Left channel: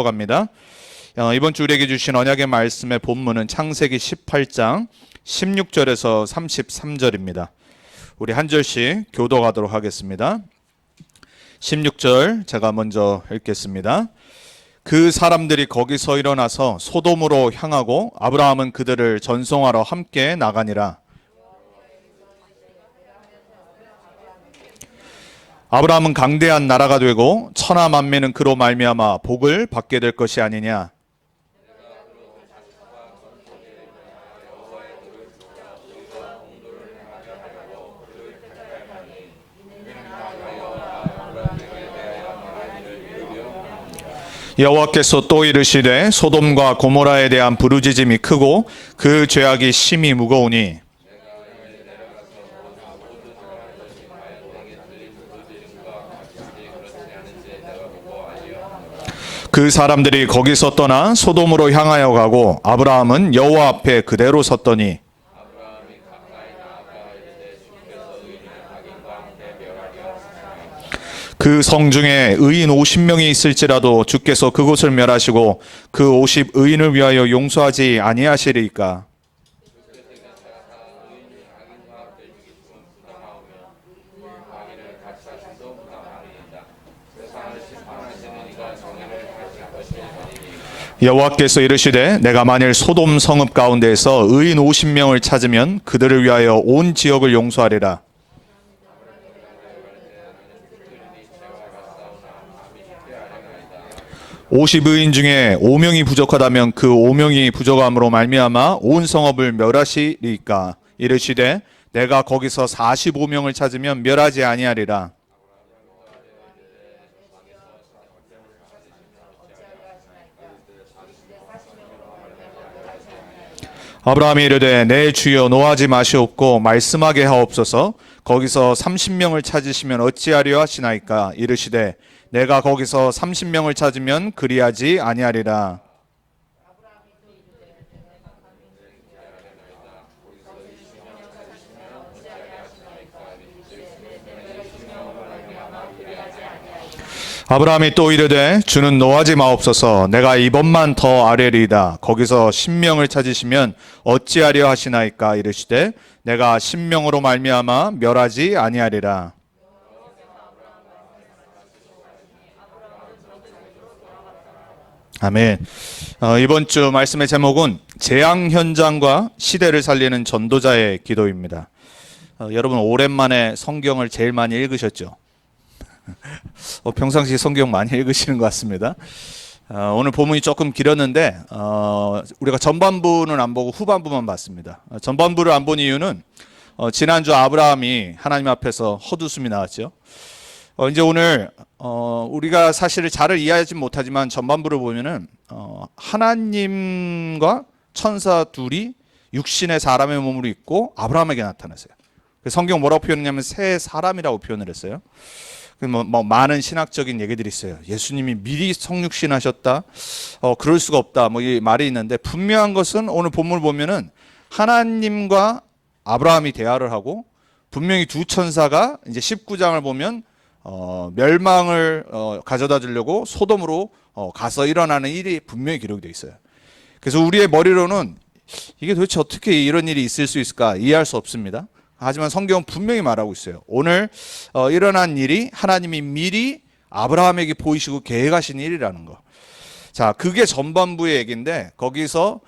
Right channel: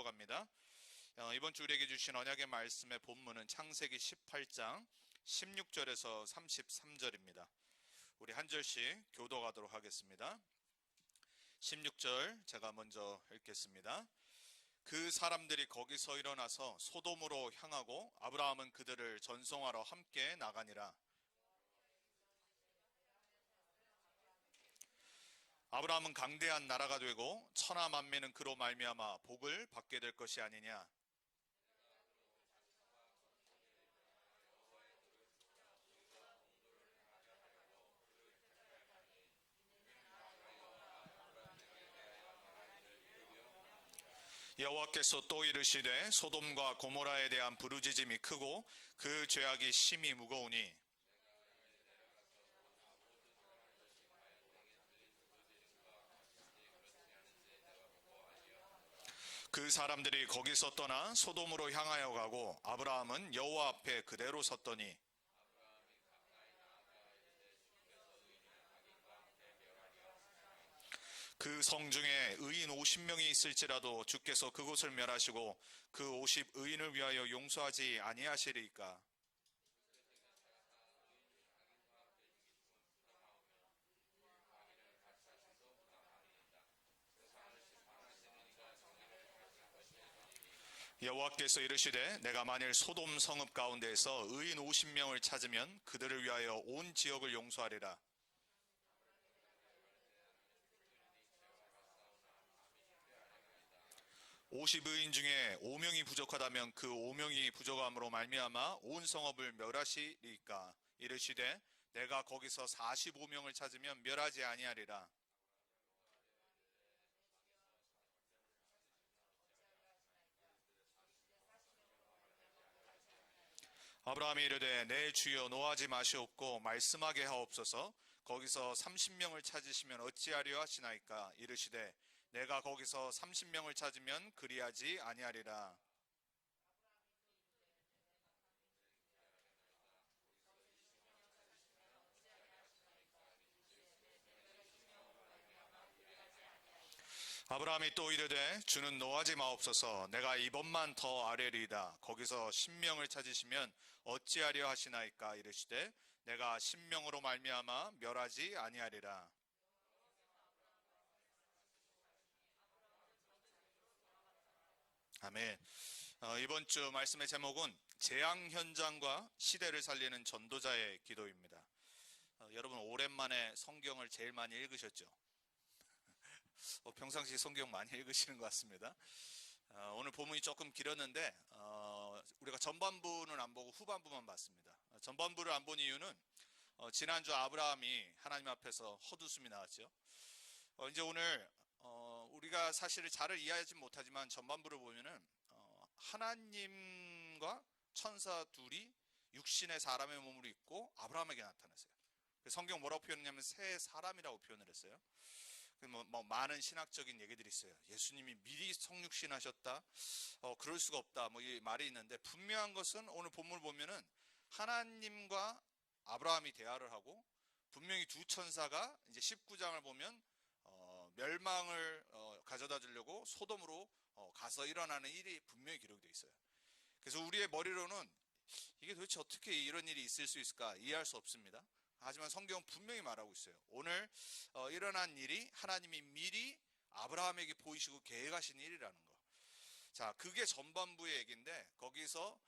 갑니다. 이번 주 우리에게 주신 언약의 말씀의 본문은 창세기 18장 16절에서 33절입니다. 우리 한 절씩 교독하도록 하겠습니다. 16절 제가 먼저 읽겠습니다. 그 사람들이 거기서 일어나서 소돔으로 향하고 아브라함은 그들을 전송하러 함께 나가니라. 아브라함은 강대한 나라가 되고 천하 만민은 그로 말미암아 복을 받게 될 것이 아니냐. 여호와께서 또 이르시되 소돔과 고모라에 대한 부르짖음이 크고 그 죄악이 심히 무거우니 그 사람들이 거기서 떠나 소돔으로 향하여 가고 아브라함은 여호와 앞에 그대로 섰더니 그 성 중에 의인 50명이 있을지라도 주께서 그곳을 멸하시고 그 50 의인을 위하여 용서하지 아니하시리이까. 여호와께서 이르시되 내가 만일 소돔 성읍 가운데에서 의인 50명을 찾으면 그들을 위하여 온 지역을 용서하리라. 오십 의인 중에 5명이 부족하다면 그 5명이 부족함으로 말미암아 온 성읍을 멸하시리이까. 이르시되 내가 거기서 45명을 찾으면 멸하지 아니하리라. 아브라함이 이르되 내 주여 노하지 마시옵고 말씀하게 하옵소서. 거기서 30명을 찾으시면 어찌하려 하시나이까. 이르시되 내가 거기서 30명을 찾으면 그리하지 아니하리라. 아브라함이 또 이르되 주는 노하지 마옵소서. 내가 이번만 더 아뢰리이다. 거기서 10명을 찾으시면 어찌하려 하시나이까. 이르시되 내가 10명으로 말미암아 멸하지 아니하리라. 아멘. 이번 주 말씀의 제목은 재앙 현장과 시대를 살리는 전도자의 기도입니다. 여러분 오랜만에 성경을 제일 많이 읽으셨죠? 평상시 성경 많이 읽으시는 것 같습니다. 오늘 본문이 조금 길었는데 우리가 전반부는 안 보고 후반부만 봤습니다. 전반부를 안 본 이유는 지난주 아브라함이 하나님 앞에서 헛웃음이 나왔죠. 이제 오늘 우리가 사실 잘 이해하지 못하지만 전반부를 보면은 하나님과 천사 둘이 육신의 사람의 몸으로 있고 아브라함에게 나타났어요. 성경 뭐라고 표현했냐면 새 사람이라고 표현을 했어요. 뭐 많은 신학적인 얘기들이 있어요. 예수님이 미리 성육신하셨다. 그럴 수가 없다. 뭐 이 말이 있는데 분명한 것은 오늘 본문을 보면은 하나님과 아브라함이 대화를 하고 분명히 두 천사가 이제 19장을 보면 멸망을 가져다 주려고 소돔으로 가서 일어나는 일이 분명히 기록이 되어 있어요. 그래서 우리의 머리로는 이게 도대체 어떻게 이런 일이 있을 수 있을까 이해할 수 없습니다. 하지만 성경은 분명히 말하고 있어요. 오늘 일어난 일이 하나님이 미리 아브라함에게 보이시고 계획하신 일이라는 거. 자, 그게 전반부의 얘기인데 거기서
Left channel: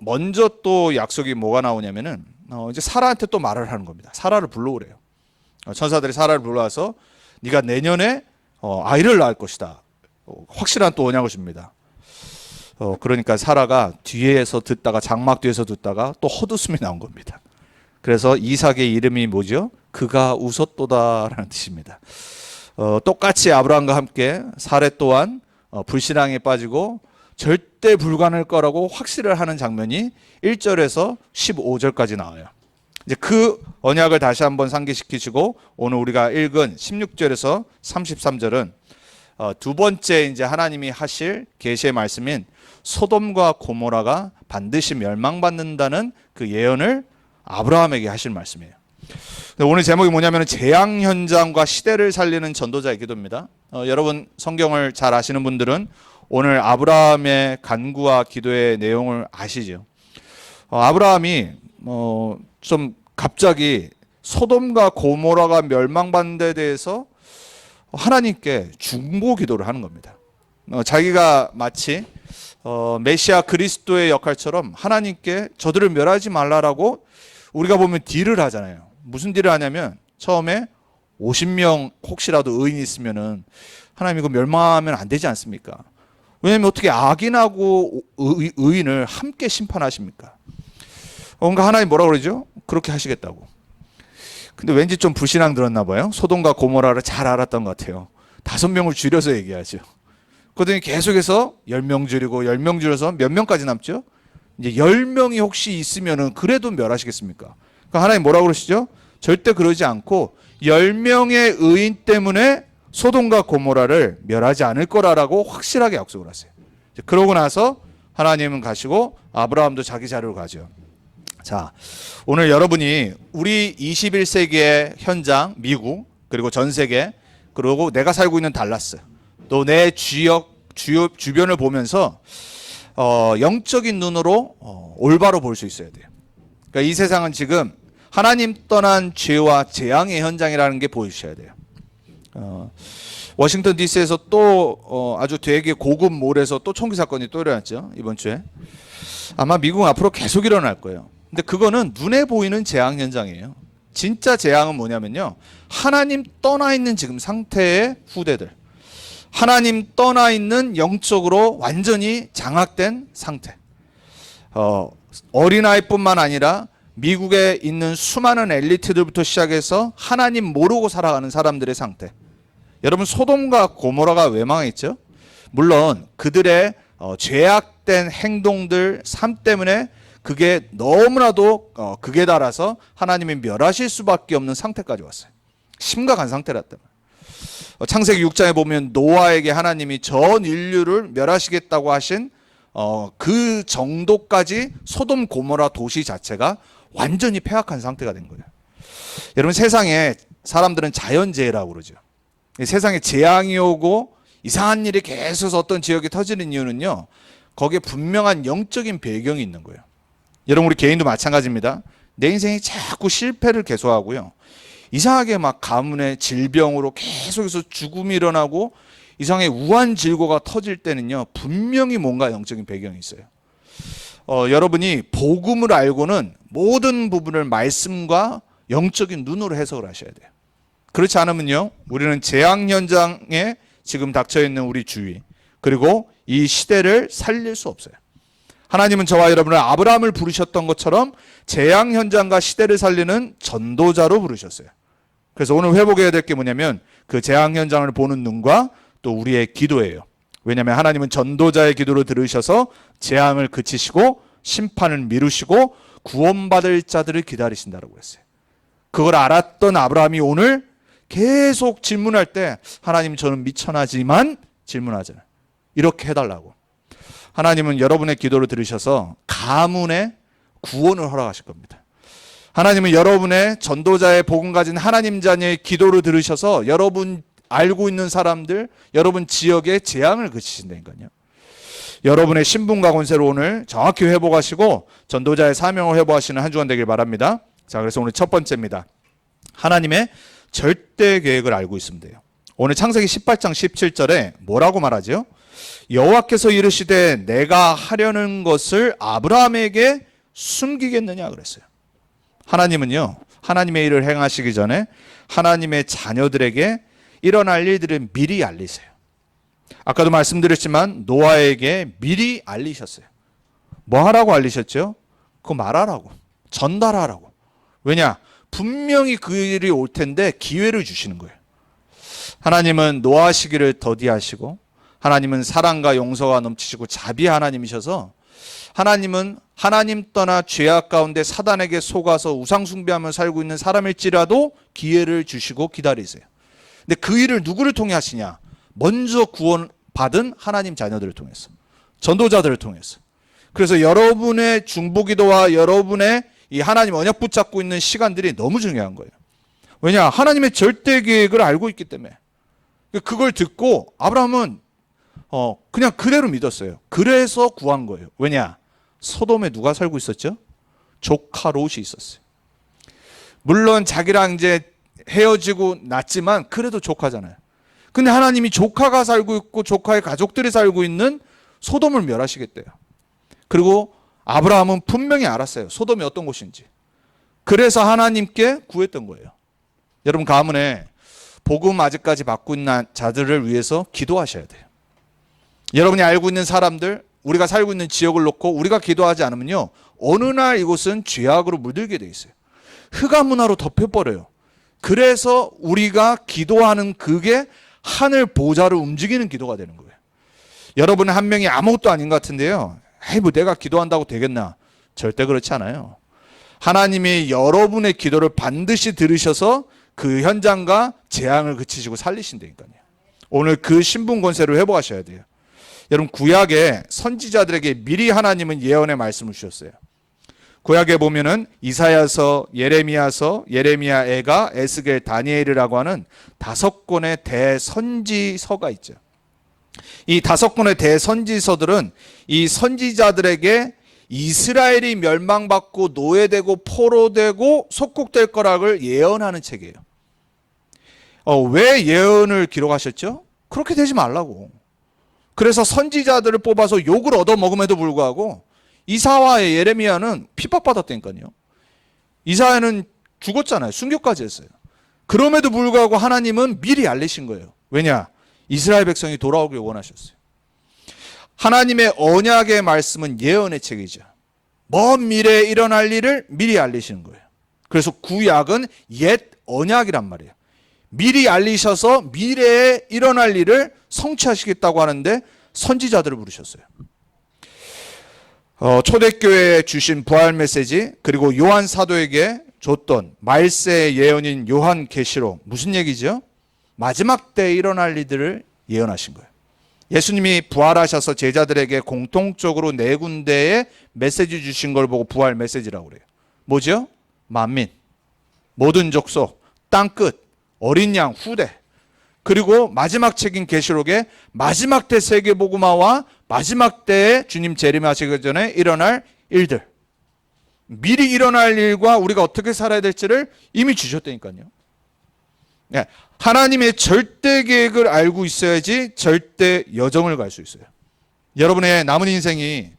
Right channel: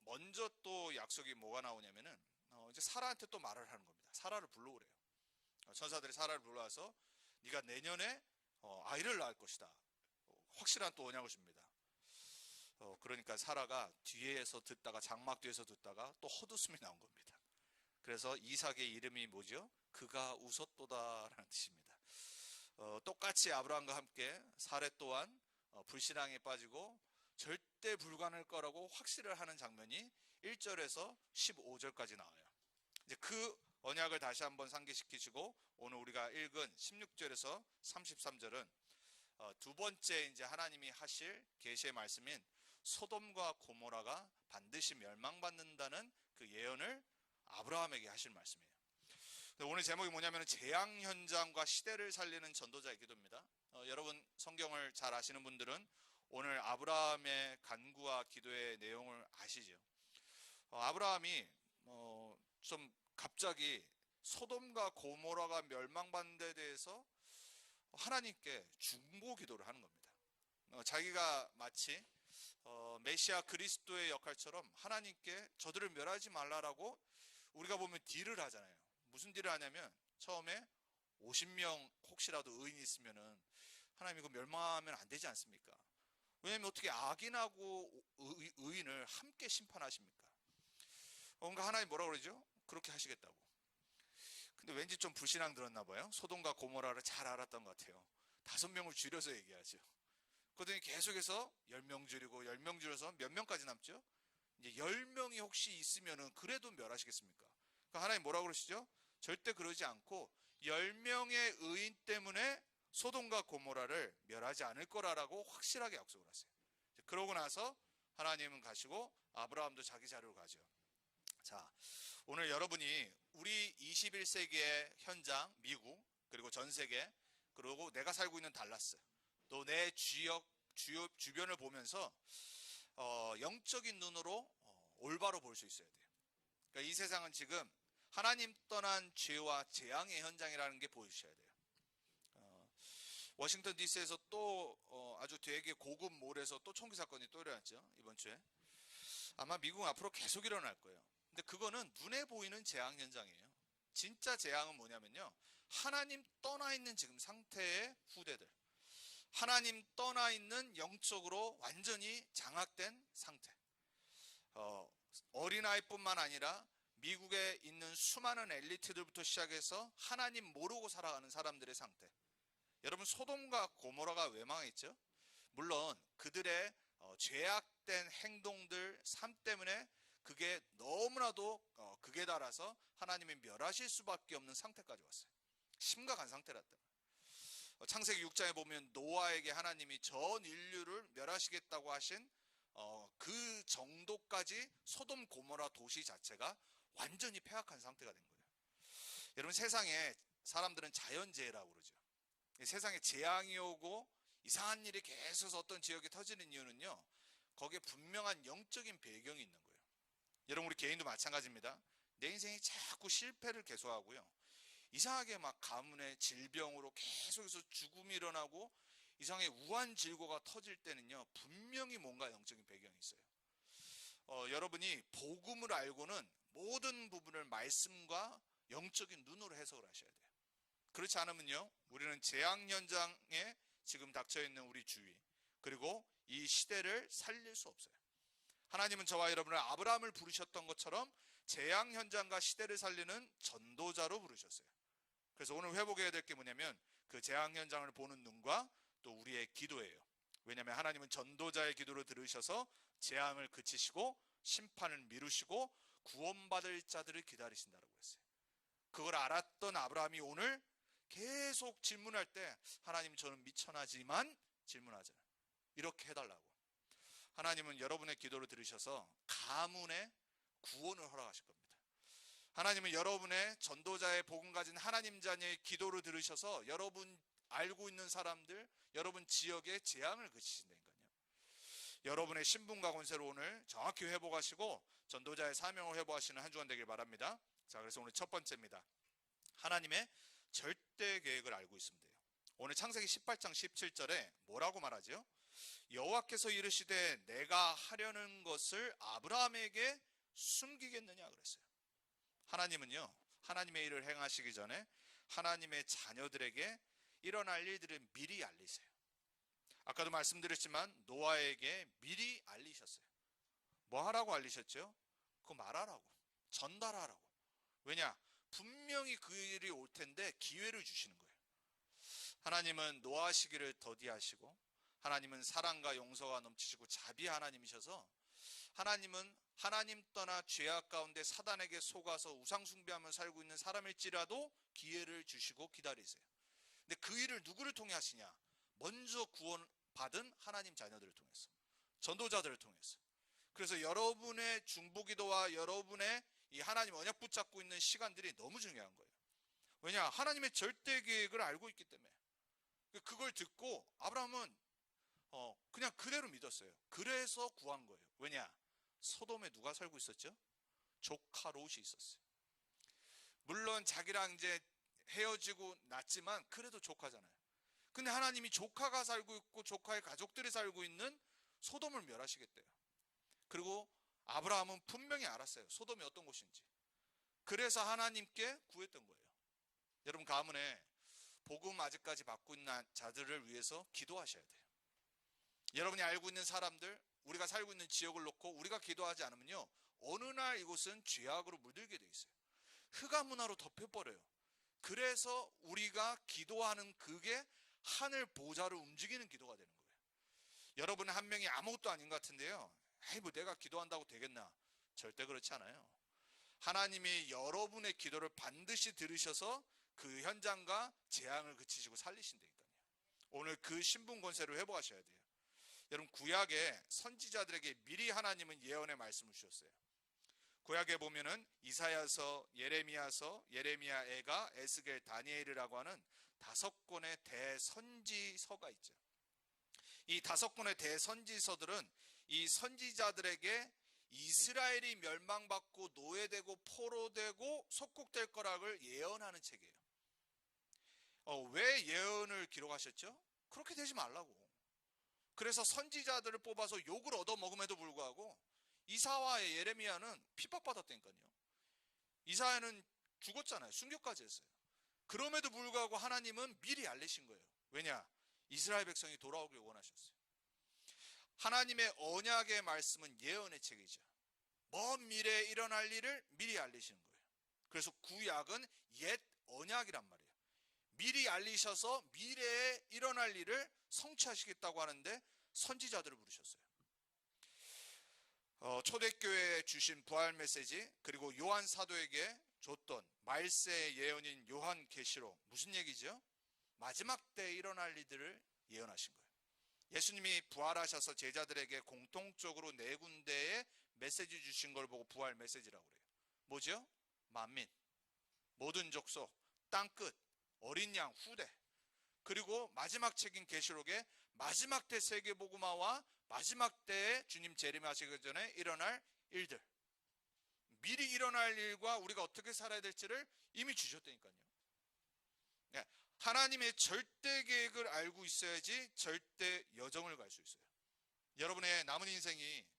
먼저 또 약속이 뭐가 나오냐면은 이제 사라한테 또 말을 하는 겁니다. 사라를 불러오래요. 천사들이 사라를 불러와서 네가 내년에 아이를 낳을 것이다. 확실한 또 언약을 줍니다. 그러니까 사라가 뒤에서 듣다가 장막 뒤에서 듣다가 또 헛웃음이 나온 겁니다. 그래서 이삭의 이름이 뭐죠? 그가 웃었도다라는 뜻입니다. 똑같이 아브라함과 함께 사레 또한 불신앙에 빠지고 절대 불가능할 거라고 확신을 하는 장면이 1절에서 15절까지 나와요. 이제 그 언약을 다시 한번 상기시키시고 오늘 우리가 읽은 16절에서 33절은 두 번째 이제 하나님이 하실 계시의 말씀인 소돔과 고모라가 반드시 멸망받는다는 그 예언을 아브라함에게 하실 말씀이에요. 오늘 제목이 뭐냐면 재앙 현장과 시대를 살리는 전도자의 기도입니다. 여러분 성경을 잘 아시는 분들은 오늘 아브라함의 간구와 기도의 내용을 아시죠? 아브라함이 좀 갑자기 소돔과 고모라가 멸망받는 데 대해서 하나님께 중보 기도를 하는 겁니다. 자기가 마치 메시아 그리스도의 역할처럼 하나님께 저들을 멸하지 말라라고 우리가 보면 딜을 하잖아요. 무슨 딜을 하냐면 처음에 50명 혹시라도 의인이 있으면은 하나님 이거 멸망하면 안 되지 않습니까? 왜냐하면 어떻게 악인하고 의인을 함께 심판하십니까? 그러니까 하나님 뭐라고 그러죠? 그렇게 하시겠다고. 근데 왠지 좀 불신앙 들었나 봐요. 소돔과 고모라를 잘 알았던 것 같아요. 5명을 줄여서 얘기하죠. 그러더니 계속해서 10명 줄이고 10명 줄여서 몇 명까지 남죠? 이제 10명이 혹시 있으면은 그래도 멸하시겠습니까? 그러니까 하나님 뭐라고 그러시죠? 절대 그러지 않고 10명의 의인 때문에 소돔과 고모라를 멸하지 않을 거라고 확실하게 약속을 하세요. 그러고 나서 하나님은 가시고 아브라함도 자기 자리로 가죠. 자, 오늘 여러분이 우리 21세기의 현장, 미국, 그리고 전 세계, 그리고 내가 살고 있는 달라스, 또 내 주변을 보면서 영적인 눈으로 올바로 볼 수 있어야 돼요. 그러니까 이 세상은 지금 하나님 떠난 죄와 재앙의 현장이라는 게 보이셔야 돼요. 워싱턴 DC에서 또 아주 되게 고급 몰에서 또 총기 사건이 또 일어났죠. 이번 주에. 아마 미국은 앞으로 계속 일어날 거예요. 근데 그거는 눈에 보이는 재앙 현장이에요. 진짜 재앙은 뭐냐면요, 하나님 떠나 있는 지금 상태의 후대들, 하나님 떠나 있는 영적으로 완전히 장악된 상태. 어린아이뿐만 아니라 미국에 있는 수많은 엘리트들부터 시작해서 하나님 모르고 살아가는 사람들의 상태. 여러분, 소돔과 고모라가 왜 망했죠? 물론 그들의 죄악된 행동들, 삶 때문에 그게 너무나도 극에 달아서 하나님이 멸하실 수밖에 없는 상태까지 왔어요. 심각한 상태였단 말이에요. 창세기 6장에 보면 노아에게 하나님이 전 인류를 멸하시겠다고 하신 그 정도까지 소돔 고모라 도시 자체가 완전히 폐악한 상태가 된 거예요. 여러분, 세상에 사람들은 자연재해라고 그러죠. 세상에 재앙이 오고 이상한 일이 계속 어떤 지역에 터지는 이유는요, 거기에 분명한 영적인 배경이 있는 거예요. 여러분, 우리 개인도 마찬가지입니다. 내 인생이 자꾸 실패를 계속하고요, 이상하게 막 가문의 질병으로 계속해서 죽음이 일어나고 이상하게 우환질고가 터질 때는요, 분명히 뭔가 영적인 배경이 있어요. 여러분이 복음을 알고는 모든 부분을 말씀과 영적인 눈으로 해석을 하셔야 돼요. 그렇지 않으면요, 우리는 재앙 현장에 지금 닥쳐있는 우리 주위, 그리고 이 시대를 살릴 수 없어요. 하나님은 저와 여러분을 아브라함을 부르셨던 것처럼 재앙 현장과 시대를 살리는 전도자로 부르셨어요. 그래서 오늘 회복해야 될 게 뭐냐면 그 재앙 현장을 보는 눈과 또 우리의 기도예요. 왜냐하면 하나님은 전도자의 기도를 들으셔서 재앙을 그치시고 심판을 미루시고 구원받을 자들을 기다리신다고 했어요. 그걸 알았던 아브라함이 오늘 계속 질문할 때, 하나님 저는 미천하지만 질문하잖아요. 이렇게 해달라고. 하나님은 여러분의 기도를 들으셔서 가문의 구원을 허락하실 겁니다. 하나님은 여러분의 전도자의 복음 가진 하나님 자녀의 기도를 들으셔서 여러분 알고 있는 사람들, 여러분 지역의 재앙을 그치신다니까요. 여러분의 신분과 권세를 오늘 정확히 회복하시고 전도자의 사명을 회복하시는 한 주간 되길 바랍니다. 자, 그래서 오늘 첫 번째입니다. 하나님의 절대 계획을 알고 있으면 돼요. 오늘 창세기 18장 17절에 뭐라고 말하죠? 여호와께서 이르시되 내가 하려는 것을 아브라함에게 숨기겠느냐 그랬어요. 하나님은요, 하나님의 일을 행하시기 전에 하나님의 자녀들에게 일어날 일들을 미리 알리세요. 아까도 말씀드렸지만 노아에게 미리 알리셨어요. 뭐 하라고 알리셨죠? 그거 말하라고, 전달하라고. 왜냐? 분명히 그 일이 올 텐데 기회를 주시는 거예요. 하나님은 노아 시기를 더디하시고, 하나님은 사랑과 용서가 넘치시고 자비의 하나님이셔서, 하나님은 하나님 떠나 죄악 가운데 사단에게 속아서 우상 숭배하며 살고 있는 사람일지라도 기회를 주시고 기다리세요. 근데 그 일을 누구를 통해 하시냐? 먼저 구원받은 하나님 자녀들을 통해서, 전도자들을 통해서. 그래서 여러분의 중보기도와 여러분의 이 하나님 언약 붙잡고 있는 시간들이 너무 중요한 거예요. 왜냐? 하나님의 절대 계획을 알고 있기 때문에. 그걸 듣고 아브라함은 그냥 그대로 믿었어요. 그래서 구한 거예요. 왜냐? 소돔에 누가 살고 있었죠? 조카 롯이 있었어요. 물론 자기랑 이제 헤어지고 났지만 그래도 조카잖아요. 근데 하나님이 조카가 살고 있고 조카의 가족들이 살고 있는 소돔을 멸하시겠대요. 그리고 아브라함은 분명히 알았어요. 소돔이 어떤 곳인지. 그래서 하나님께 구했던 거예요. 여러분 가문에 복음 아직까지 받고 있는 자들을 위해서 기도하셔야 돼요. 여러분이 알고 있는 사람들, 우리가 살고 있는 지역을 놓고 우리가 기도하지 않으면요, 어느 날 이곳은 죄악으로 물들게 돼 있어요. 흑암 문화로 덮여버려요. 그래서 우리가 기도하는 그게 하늘 보좌를 움직이는 기도가 되는 거예요. 여러분 한 명이 아무것도 아닌 것 같은데요, 에이 뭐 내가 기도한다고 되겠나? 절대 그렇지 않아요. 하나님이 여러분의 기도를 반드시 들으셔서 그 현장과 재앙을 그치시고 살리신다니까요. 오늘 그 신분 권세를 회복하셔야 돼요. 여러분 구약에 선지자들에게 미리 하나님은 예언의 말씀을 주셨어요. 구약에 보면은 이사야서, 예레미야서, 예레미야애가, 에스겔, 다니엘이라고 하는 5권의 대선지서가 있죠. 이 5권의 대선지서들은 이 선지자들에게 이스라엘이 멸망받고 노예되고 포로되고 속국될 거라를 예언하는 책이에요. 왜 예언을 기록하셨죠? 그렇게 되지 말라고. 그래서 선지자들을 뽑아서 욕을 얻어먹음에도 불구하고 이사와 예레미야는 핍박받았다니까요. 이사야는 죽었잖아요. 순교까지 했어요. 그럼에도 불구하고 하나님은 미리 알리신 거예요. 왜냐? 이스라엘 백성이 돌아오길 원하셨어요. 하나님의 언약의 말씀은 예언의 책이죠. 먼 미래에 일어날 일을 미리 알리시는 거예요. 그래서 구약은 옛 언약이란 말이에요. 미리 알리셔서 미래에 일어날 일을 성취하시겠다고 하는데 선지자들을 부르셨어요. 초대교회에 주신 부활 메시지, 그리고 요한 사도에게 줬던 말세의 예언인 요한계시록, 무슨 얘기죠? 마지막 때에 일어날 일들을 예언하신 거예요. 예수님이 부활하셔서 제자들에게 공통적으로 4군데의 메시지 주신 걸 보고 부활 메시지라고 그래요. 뭐죠? 만민, 모든 족속, 땅끝, 어린 양, 후대. 그리고 마지막 책인 계시록에 마지막 때 세계복음화와 마지막 때에 주님 재림하시기 전에 일어날 일들, 미리 일어날 일과 우리가 어떻게 살아야 될지를 이미 주셨다니까요. 네, 하나님의 절대 계획을 알고 있어야지 절대 여정을 갈 수 있어요. 여러분의 남은 인생이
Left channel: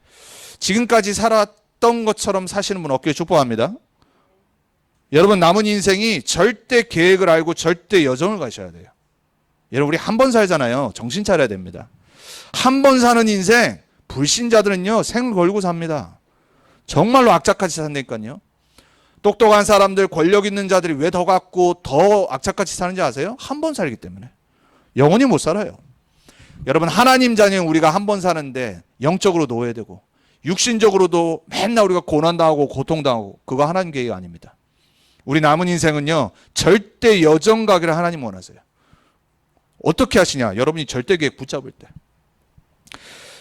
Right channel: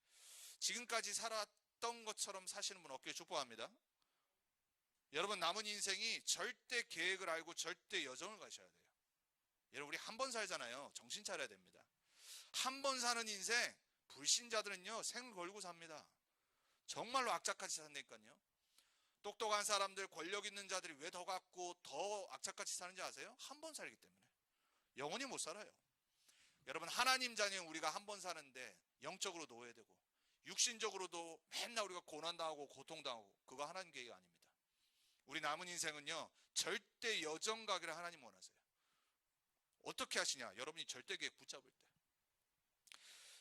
지금까지 살았던 것처럼 사시는 분 없기를 축복합니다. 여러분 남은 인생이 절대 계획을 알고 절대 여정을 가셔야 돼요. 여러분 우리 한 번 살잖아요. 정신 차려야 됩니다. 한 번 사는 인생, 불신자들은요 생을 걸고 삽니다. 정말로 악착같이 산다니까요. 똑똑한 사람들, 권력 있는 자들이 왜 더 갖고 더 악착같이 사는지 아세요? 한 번 살기 때문에. 영원히 못 살아요. 여러분 하나님 자녀인 우리가 한 번 사는데 영적으로 노예되고 육신적으로도 맨날 우리가 고난당하고 고통당하고, 그거 하나님 계획이 아닙니다. 우리 남은 인생은요 절대 여정 가기를 하나님 원하세요. 어떻게 하시냐? 여러분이 절대 계획 붙잡을 때.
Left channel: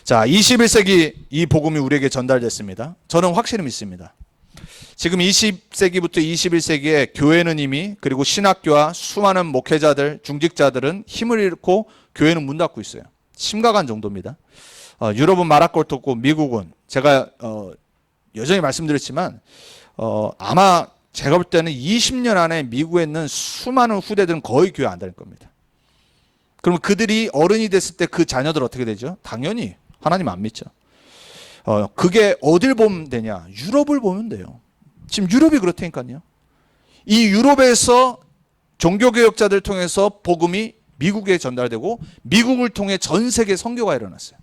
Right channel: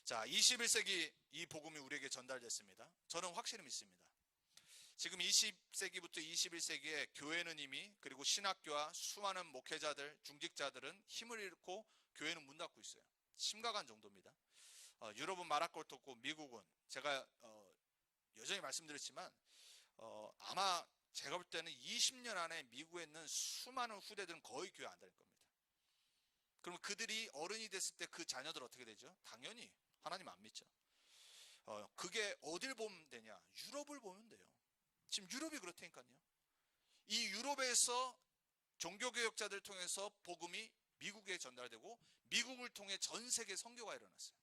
자, 21세기 이 복음이 우리에게 전달됐습니다. 저는 확실히 믿습니다. 지금 20세기부터 21세기에 교회는 이미, 그리고 신학교와 수많은 목회자들, 중직자들은 힘을 잃고 교회는 문 닫고 있어요. 심각한 정도입니다. 유럽은 말할 것도 없고 미국은, 제가 여전히 말씀드렸지만 아마 제가 볼 때는 20년 안에 미국에 있는 수많은 후대들은 거의 교회 안 다닐 겁니다. 그럼 그들이 어른이 됐을 때 그 자녀들 어떻게 되죠? 당연히 하나님 안 믿죠. 그게 어딜 보면 되냐? 유럽을 보면 돼요. 지금 유럽이 그렇다니까요. 이 유럽에서 종교개혁자들 통해서 복음이 미국에 전달되고 미국을 통해 전 세계 선교가 일어났어요.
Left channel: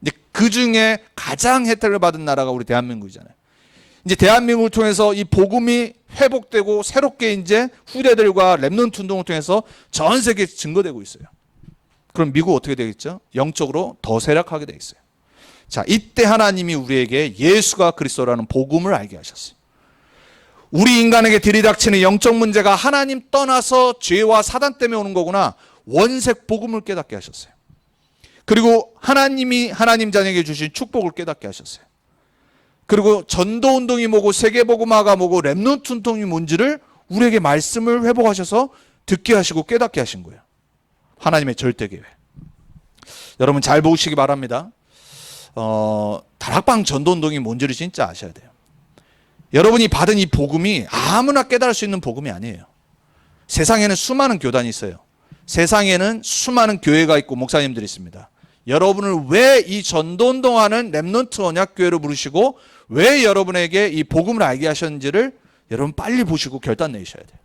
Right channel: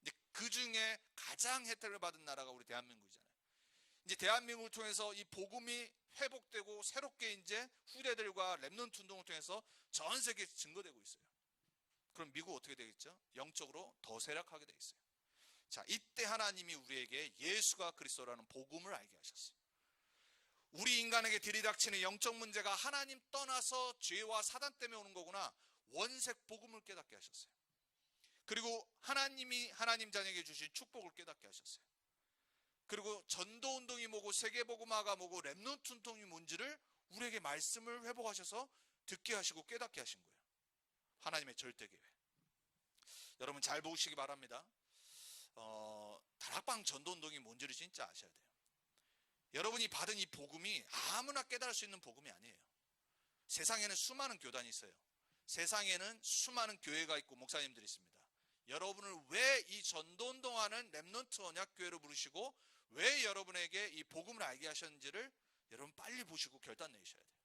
근데 그 중에 가장 혜택을 받은 나라가 우리 대한민국이잖아요. 이제 대한민국을 통해서 이 복음이 회복되고 새롭게 이제 후대들과 렘넌트 운동을 통해서 전 세계에 증거되고 있어요. 그럼 미국 어떻게 되겠죠? 영적으로 더 쇠락하게 돼 있어요. 자, 이때 하나님이 우리에게 예수가 그리스도라는 복음을 알게 하셨어요. 우리 인간에게 들이닥치는 영적 문제가 하나님 떠나서 죄와 사단 때문에 오는 거구나. 원색 복음을 깨닫게 하셨어요. 그리고 하나님이 하나님 자녀에게 주신 축복을 깨닫게 하셨어요. 그리고 전도운동이 뭐고 세계복음화가 뭐고 렘넌트 운동이 뭔지를 우리에게 말씀을 회복하셔서 듣게 하시고 깨닫게 하신 거예요. 하나님의 절대 계획. 여러분 잘 보시기 바랍니다. 다락방 전도운동이 뭔지를 진짜 아셔야 돼요. 여러분이 받은 이 복음이 아무나 깨달을 수 있는 복음이 아니에요. 세상에는 수많은 교단이 있어요. 세상에는 수많은 교회가 있고 목사님들이 있습니다. 여러분을 왜 이 전도운동하는 렘넌트 언약교회로 부르시고 왜 여러분에게 이 복음을 알게 하셨는지를 여러분 빨리 보시고 결단 내셔야 돼요.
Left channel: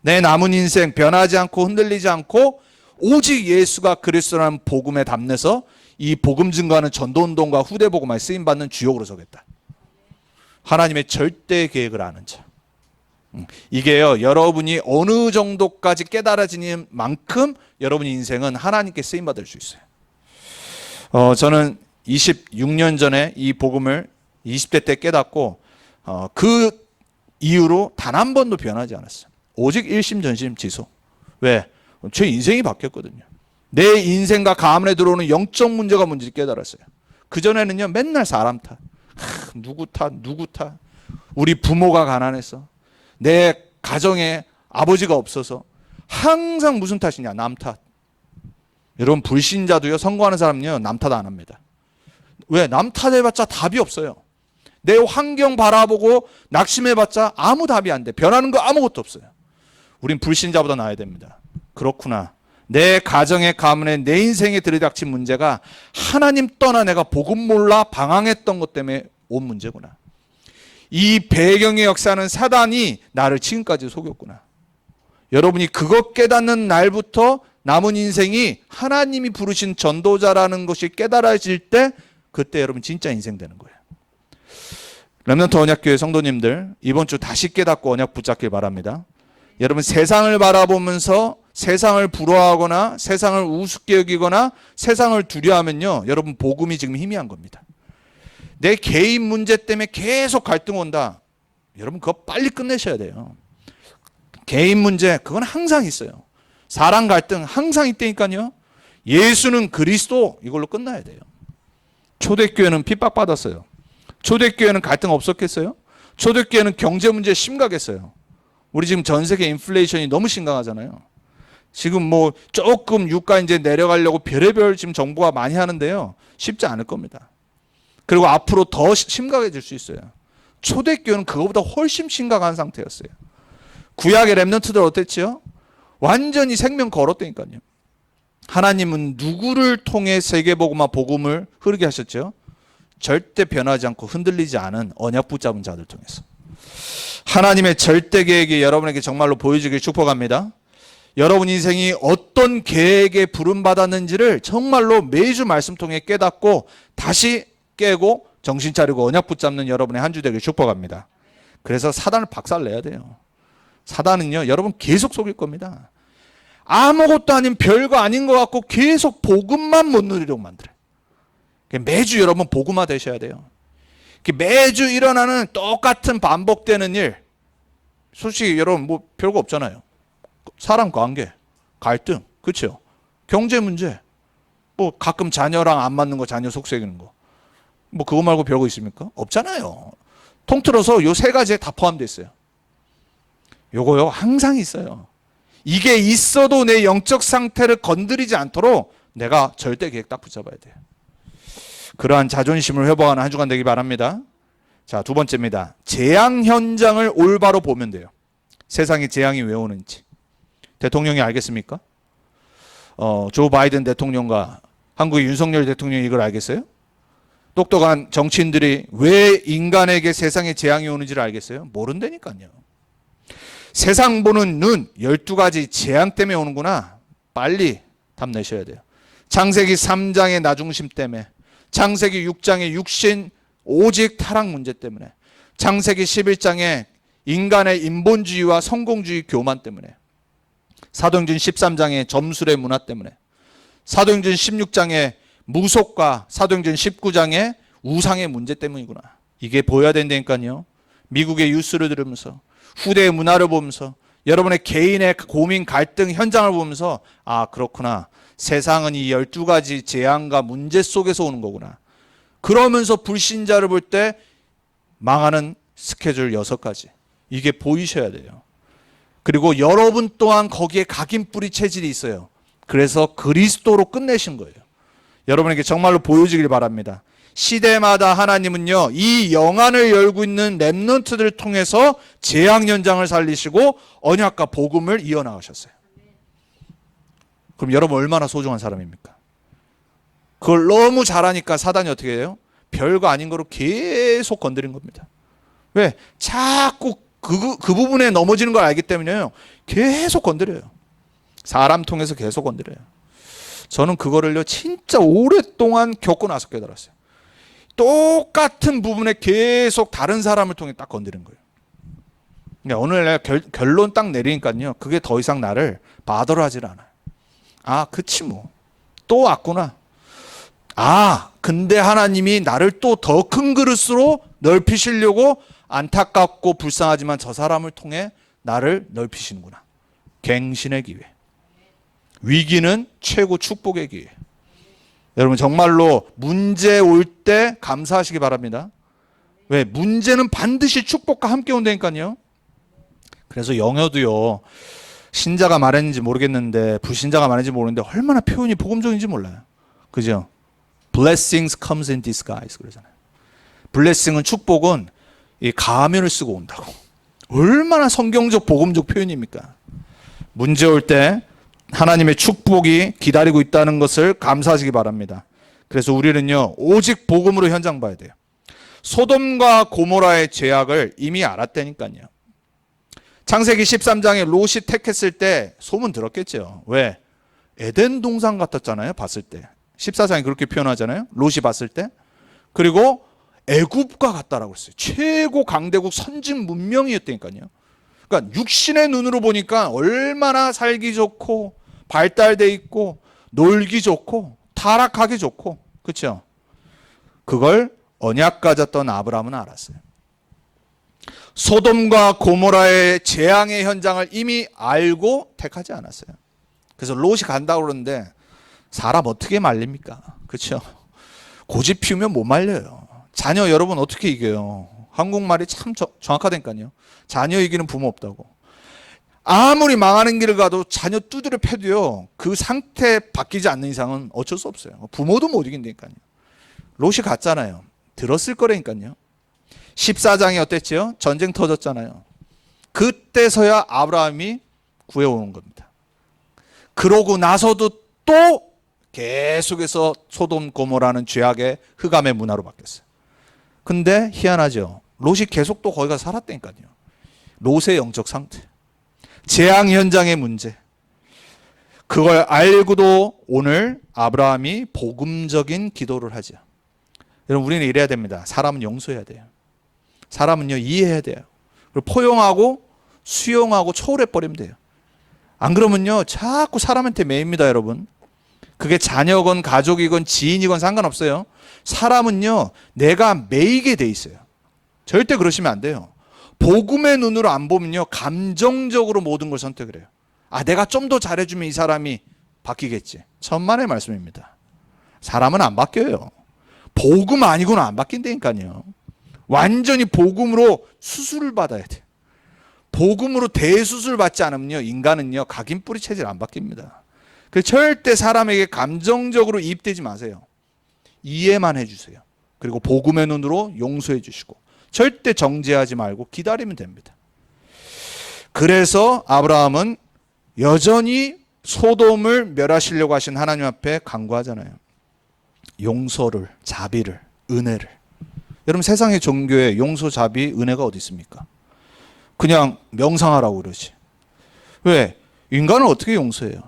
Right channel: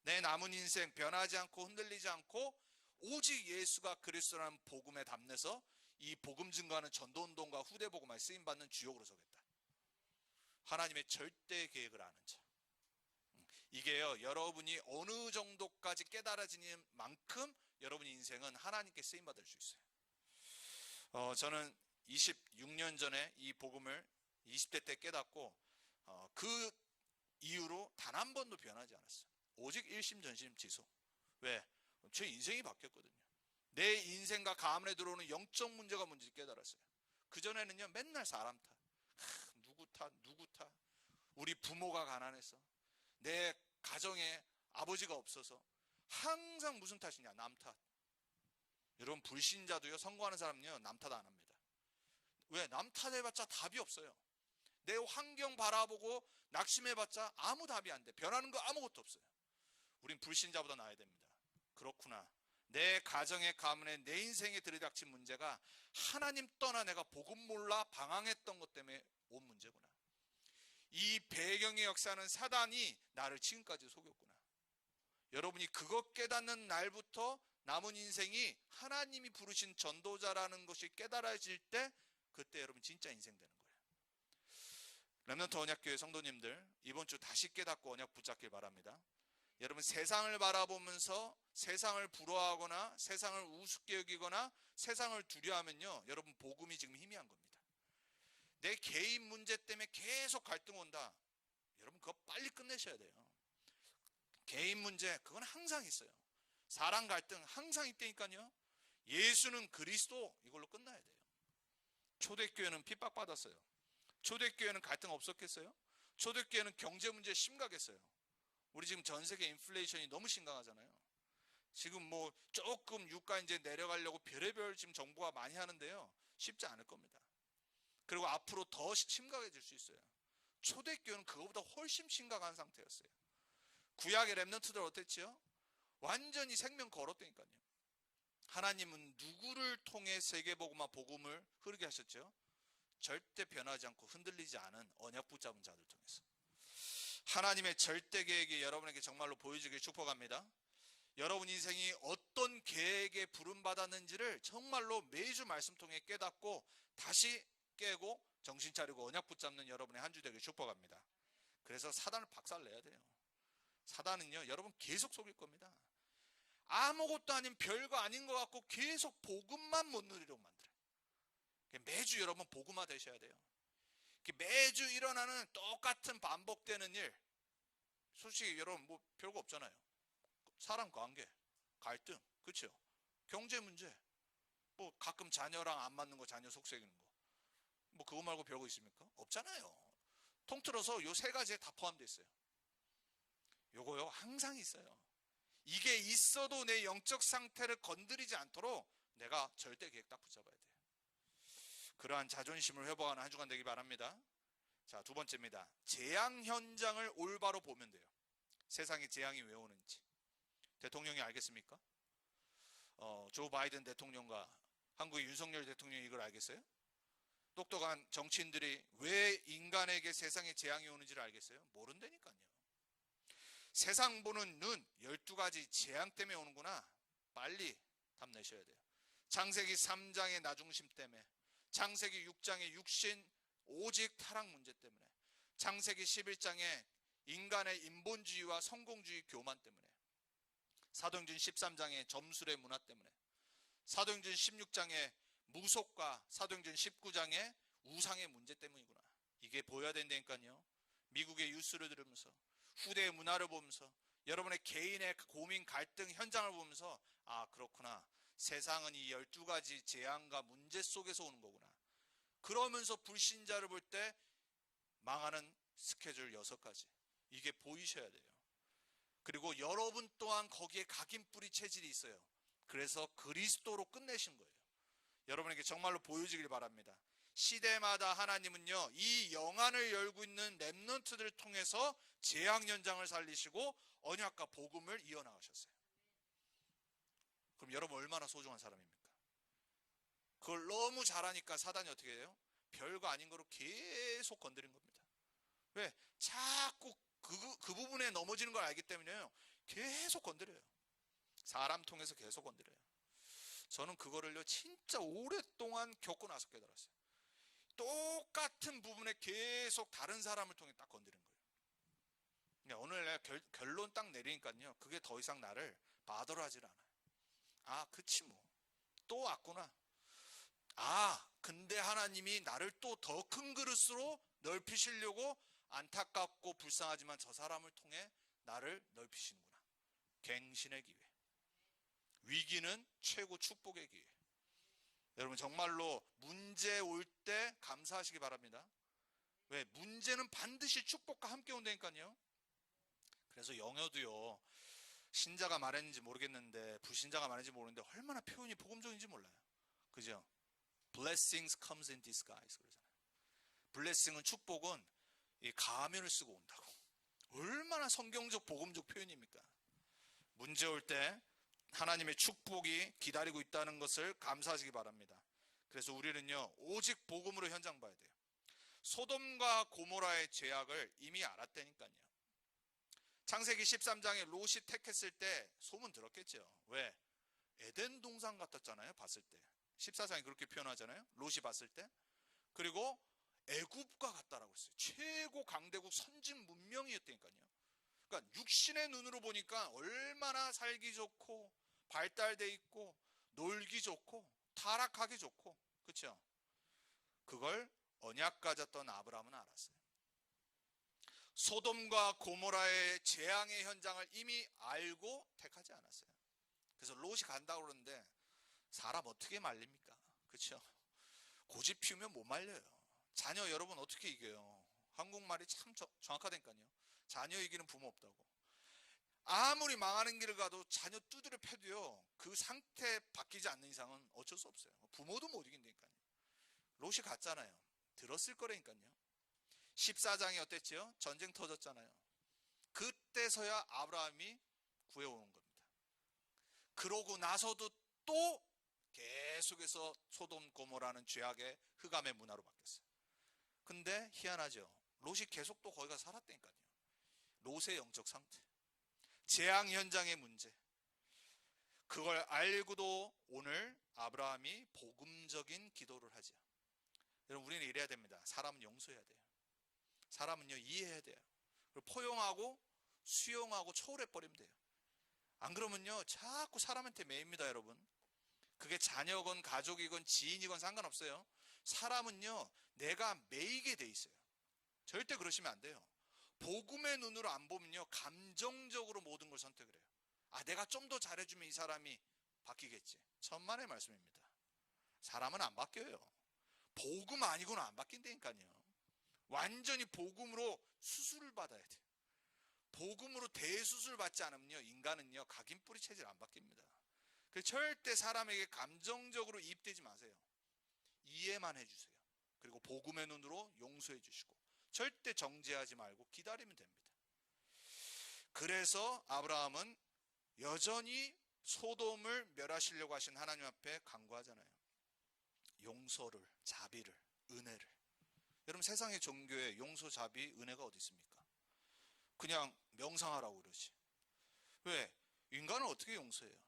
내 남은 인생 변하지 않고 흔들리지 않고 오직 예수가 그리스도라는 복음에 담내서 이 복음 증거하는 전도운동과 후대 복음에 쓰임받는 주역으로 서겠다. 하나님의 절대 계획을 아는 자. 이게요, 여러분이 어느 정도까지 깨달아지는 만큼 여러분의 인생은 하나님께 쓰임받을 수 있어요. 저는 26년 전에 이 복음을 20대 때 깨닫고 그 이후로 단 한 번도 변하지 않았어요. 오직 일심전심 지속. 왜? 제 인생이 바뀌었거든요. 내 인생과 가문에 들어오는 영적 문제가 뭔지 깨달았어요. 그전에는요, 맨날 사람 탓. 누구 탓. 우리 부모가 가난해서, 내 가정에 아버지가 없어서 항상 무슨 탓이냐? 남 탓. 여러분 불신자도요, 선거하는 사람은요, 남 탓 안 합니다. 왜? 남 탓해봤자 답이 없어요. 내 환경 바라보고 낙심해봤자 아무 답이 안 돼. 변하는 거 아무것도 없어요. 우린 불신자보다 나아야 됩니다. 그렇구나. 내 가정의 가문에 내 인생에 들이닥친 문제가 하나님 떠나 내가 복음 몰라 방황했던 것 때문에 온 문제구나. 이 배경의 역사는 사단이 나를 지금까지 속였구나. 여러분이 그것 깨닫는 날부터 남은 인생이 하나님이 부르신 전도자라는 것이 깨달아질 때, 그때 여러분 진짜 인생 되는 거예요. 렘넌트 언약교회 성도님들, 이번 주 다시 깨닫고 언약 붙잡길 바랍니다. 여러분 세상을 바라보면서 세상을 부러워하거나 세상을 우습게 여기거나 세상을 두려워하면요, 여러분 복음이 지금 희미한 겁니다. 내 개인 문제 때문에 계속 갈등 온다. 여러분 그거 빨리 끝내셔야 돼요. 개인 문제 그건 항상 있어요. 사랑 갈등 항상 있다니까요. 예수는 그리스도, 이걸로 끝나야 돼요. 초대교회는 핍박받았어요. 초대교회는 갈등 없었겠어요? 초대교회는 경제 문제 심각했어요. 우리 지금 전 세계 인플레이션이 너무 심각하잖아요. 지금 뭐 조금 유가 이제 내려가려고 별의별 지금 정부가 많이 하는데요, 쉽지 않을 겁니다. 그리고 앞으로 더 심각해질 수 있어요. 초대교회는 그거보다 훨씬 심각한 상태였어요. 구약의 렘넌트들 어땠지요? 완전히 생명 걸었다니까요. 하나님은 누구를 통해 세계복음화 복음을 흐르게 하셨죠? 절대 변하지 않고 흔들리지 않은 언약 붙잡은 자들 통해서. 하나님의 절대 계획이 여러분에게 정말로 보여주길 축복합니다. 여러분 인생이 어떤 계획에 부름받았는지를 정말로 매주 말씀 통해 깨닫고 다시 깨고 정신 차리고 언약 붙잡는 여러분의 한 주 되길 축복합니다. 그래서 사단을 박살내야 돼요. 사단은요, 여러분 계속 속일 겁니다. 아무것도 아닌 별거 아닌 것 같고 계속 복음만 못 누리려고 만들어요. 매주 여러분 복음화 되셔야 돼요. 매주 일어나는 똑같은 반복되는 일, 솔직히 여러분 뭐 별거 없잖아요. 사람 관계, 갈등, 그렇죠? 경제 문제, 뭐 가끔 자녀랑 안 맞는 거, 자녀 속삭이는 거, 뭐 그거 말고 별거 있습니까? 없잖아요. 통틀어서 요 세 가지에 다 포함되어 있어요. 요거요 항상 있어요. 이게 있어도 내 영적 상태를 건드리지 않도록 내가 절대 계획 딱 붙잡아야 돼요. 그러한 자존심을 회복하는 한 주간 되기 바랍니다. 자, 두 번째입니다. 재앙 현장을 올바로 보면 돼요. 세상에 재앙이 왜 오는지. 대통령이 알겠습니까? 조 바이든 대통령과 한국의 윤석열 대통령이 이걸 알겠어요? 똑똑한 정치인들이 왜 인간에게 세상에 재앙이 오는지를 알겠어요? 모른다니까요. 세상 보는 눈, 12가지 재앙 때문에 오는구나. 빨리 답 내셔야 돼요. 창세기 3장의 나중심 때문에, 창세기 6장의 육신 오직 타락 문제 때문에, 창세기 11장의 인간의 인본주의와 성공주의 교만 때문에, 사도행전 13장의 점술의 문화 때문에, 사도행전 16장의 무속과 사도행전 19장의 우상의 문제 때문이구나. 이게 보여야 된다니까요. 미국의 뉴스를 들으면서, 후대의 문화를 보면서, 여러분의 개인의 고민, 갈등 현장을 보면서, 아 그렇구나. 세상은 이 12가지 재앙과 문제 속에서 오는 거구나. 그러면서 불신자를 볼 때 망하는 스케줄 6가지. 이게 보이셔야 돼요. 그리고 여러분 또한 거기에 각인뿌리 체질이 있어요. 그래서 그리스도로 끝내신 거예요. 여러분에게 정말로 보여지길 바랍니다. 시대마다 하나님은요, 이 영안을 열고 있는 렘넌트들을 통해서 재앙 현장을 살리시고 언약과 복음을 이어나가셨어요. 그럼 여러분 얼마나 소중한 사람입니까? 그걸 너무 잘하니까 사단이 어떻게 해요? 별거 아닌 거로 계속 건드린 겁니다. 왜? 자꾸 그 부분에 넘어지는 걸 알기 때문에요. 계속 건드려요. 사람 통해서 계속 건드려요. 저는 그거를요 진짜 오랫동안 겪고 나서 깨달았어요. 똑같은 부분에 계속 다른 사람을 통해 딱 건드린 거예요. 그러니까 오늘 결론 딱 내리니까요, 그게 더 이상 나를 바더러 하질 않아요. 아, 그치 뭐. 또 왔구나. 아, 근데 하나님이 나를 또 더 큰 그릇으로 넓히시려고 안타깝고 불쌍하지만 저 사람을 통해 나를 넓히시는구나. 갱신의 기회. 위기는 최고 축복의 기회. 여러분 정말로 문제 올 때 감사하시기 바랍니다. 왜? 문제는 반드시 축복과 함께 온다니까요. 그래서 영어도요, 신자가 말했는지 모르겠는데 불신자가 말했는지 모르는데 얼마나 표현이 복음적인지 몰라요. 그죠? Blessings comes in disguise 그러잖아요. 블레싱은, 축복은 이 가면을 쓰고 온다고. 얼마나 성경적 복음적 표현입니까? 문제 올 때 하나님의 축복이 기다리고 있다는 것을 감사하시기 바랍니다. 그래서 우리는요 오직 복음으로 현장 봐야 돼요. 소돔과 고모라의 죄악을 이미 알았다니까요. 창세기 13장에 롯이 택했을 때 소문 들었겠죠. 왜? 에덴 동산 같았잖아요. 봤을 때 14장이 그렇게 표현하잖아요. 롯이 봤을 때. 그리고 애굽과 같다라고 했어요. 최고 강대국 선진 문명이었다니까요. 그러니까 육신의 눈으로 보니까 얼마나 살기 좋고 발달돼 있고 놀기 좋고 타락하기 좋고, 그렇죠? 그걸 언약 가졌던 아브라함은 알았어요. 소돔과 고모라의 재앙의 현장을 이미 알고 택하지 않았어요. 그래서 롯이 간다고 그러는데 사람 어떻게 말립니까? 그렇죠? 고집 피우면 못 말려요. 자녀 여러분 어떻게 이겨요? 한국말이 참 정확하다니까요. 자녀 이기는 부모 없다고. 아무리 망하는 길을 가도 자녀 두드려 패도요, 그 상태 바뀌지 않는 이상은 어쩔 수 없어요. 부모도 못 이긴다니까요. 롯이 갔잖아요. 들었을 거라니까요. 14장이 어땠죠? 전쟁 터졌잖아요. 그때서야 아브라함이 구해오는 겁니다. 그러고 나서도 또 계속해서 소돔 고모라는 죄악의 흑암의 문화로 바뀌었어요. 근데 희한하죠. 롯이 계속 또 거기 가서 살았다니까요. 롯의 영적 상태, 재앙 현장의 문제, 그걸 알고도 오늘 아브라함이 복음적인 기도를 하죠. 여러분 우리는 이래야 됩니다. 사람은 용서해야 돼요. 사람은요 이해해야 돼요. 그리고 포용하고 수용하고 초월해버리면 돼요. 안 그러면요 자꾸 사람한테 매입니다. 여러분 그게 자녀건 가족이건 지인이건 상관없어요. 사람은요 내가 매이게 돼 있어요. 절대 그러시면 안 돼요. 복음의 눈으로 안 보면요 감정적으로 모든 걸 선택을 해요. 아, 내가 좀 더 잘해주면 이 사람이 바뀌겠지. 천만의 말씀입니다. 사람은 안 바뀌어요. 복음 아니고는 안 바뀐다니까요. 완전히 복음으로 수술을 받아야 돼요. 복음으로 대수술 받지 않으면요 인간은요 각인 뿌리 체질 안 바뀝니다. 그래서 절대 사람에게 감정적으로 이입되지 마세요. 이해만 해주세요. 그리고 복음의 눈으로 용서해 주시고 절대 정죄하지 말고 기다리면 됩니다. 그래서 아브라함은 여전히 소돔을 멸하시려고 하신 하나님 앞에 간구하잖아요. 용서를, 자비를, 은혜를. 여러분 세상의 종교에 용서, 자비, 은혜가 어디 있습니까? 그냥 명상하라고 그러지. 왜? 인간을 어떻게 용서해요?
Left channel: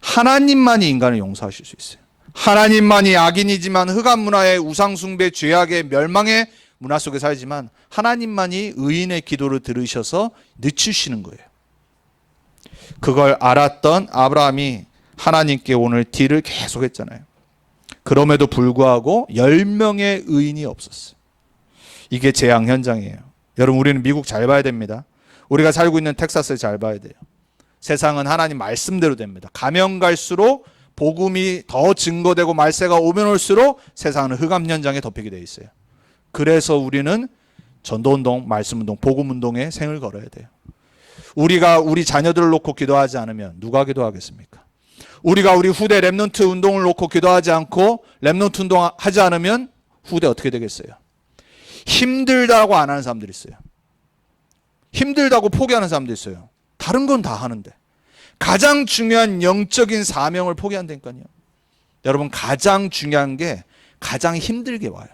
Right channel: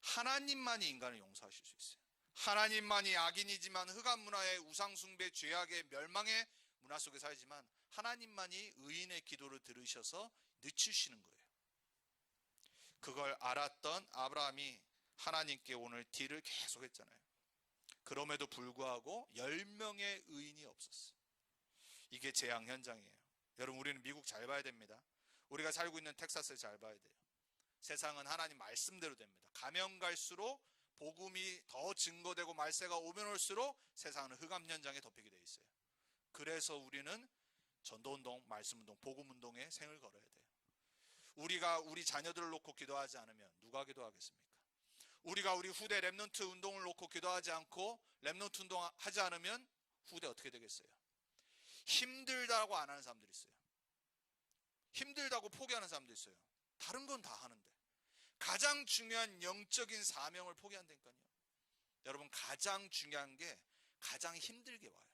하나님만이 인간을 용서하실 수 있어요. 하나님만이 악인이지만 흑암 문화의 우상숭배, 죄악의 멸망의 문화 속에 살지만 하나님만이 의인의 기도를 들으셔서 늦추시는 거예요. 그걸 알았던 아브라함이 하나님께 오늘 딜을 계속했잖아요. 그럼에도 불구하고 10명의 의인이 없었어요. 이게 재앙 현장이에요. 여러분 우리는 미국 잘 봐야 됩니다. 우리가 살고 있는 텍사스를 잘 봐야 돼요. 세상은 하나님 말씀대로 됩니다. 가면 갈수록 복음이 더 증거되고 말세가 오면 올수록 세상은 흑암 현장에 덮이게 돼 있어요. 그래서 우리는 전도운동, 말씀운동, 복음운동에 생을 걸어야 돼요. 우리가 우리 자녀들을 놓고 기도하지 않으면 누가 기도하겠습니까? 우리가 우리 후대 렘넌트 운동을 놓고 기도하지 않고 렘넌트 운동하지 않으면 후대 어떻게 되겠어요? 힘들다고 안 하는 사람들이 있어요. 힘들다고 포기하는 사람도 있어요. 다른 건 다 하는데 가장 중요한 영적인 사명을 포기한다니까요. 여러분, 가장 중요한 게 가장 힘들게 와요.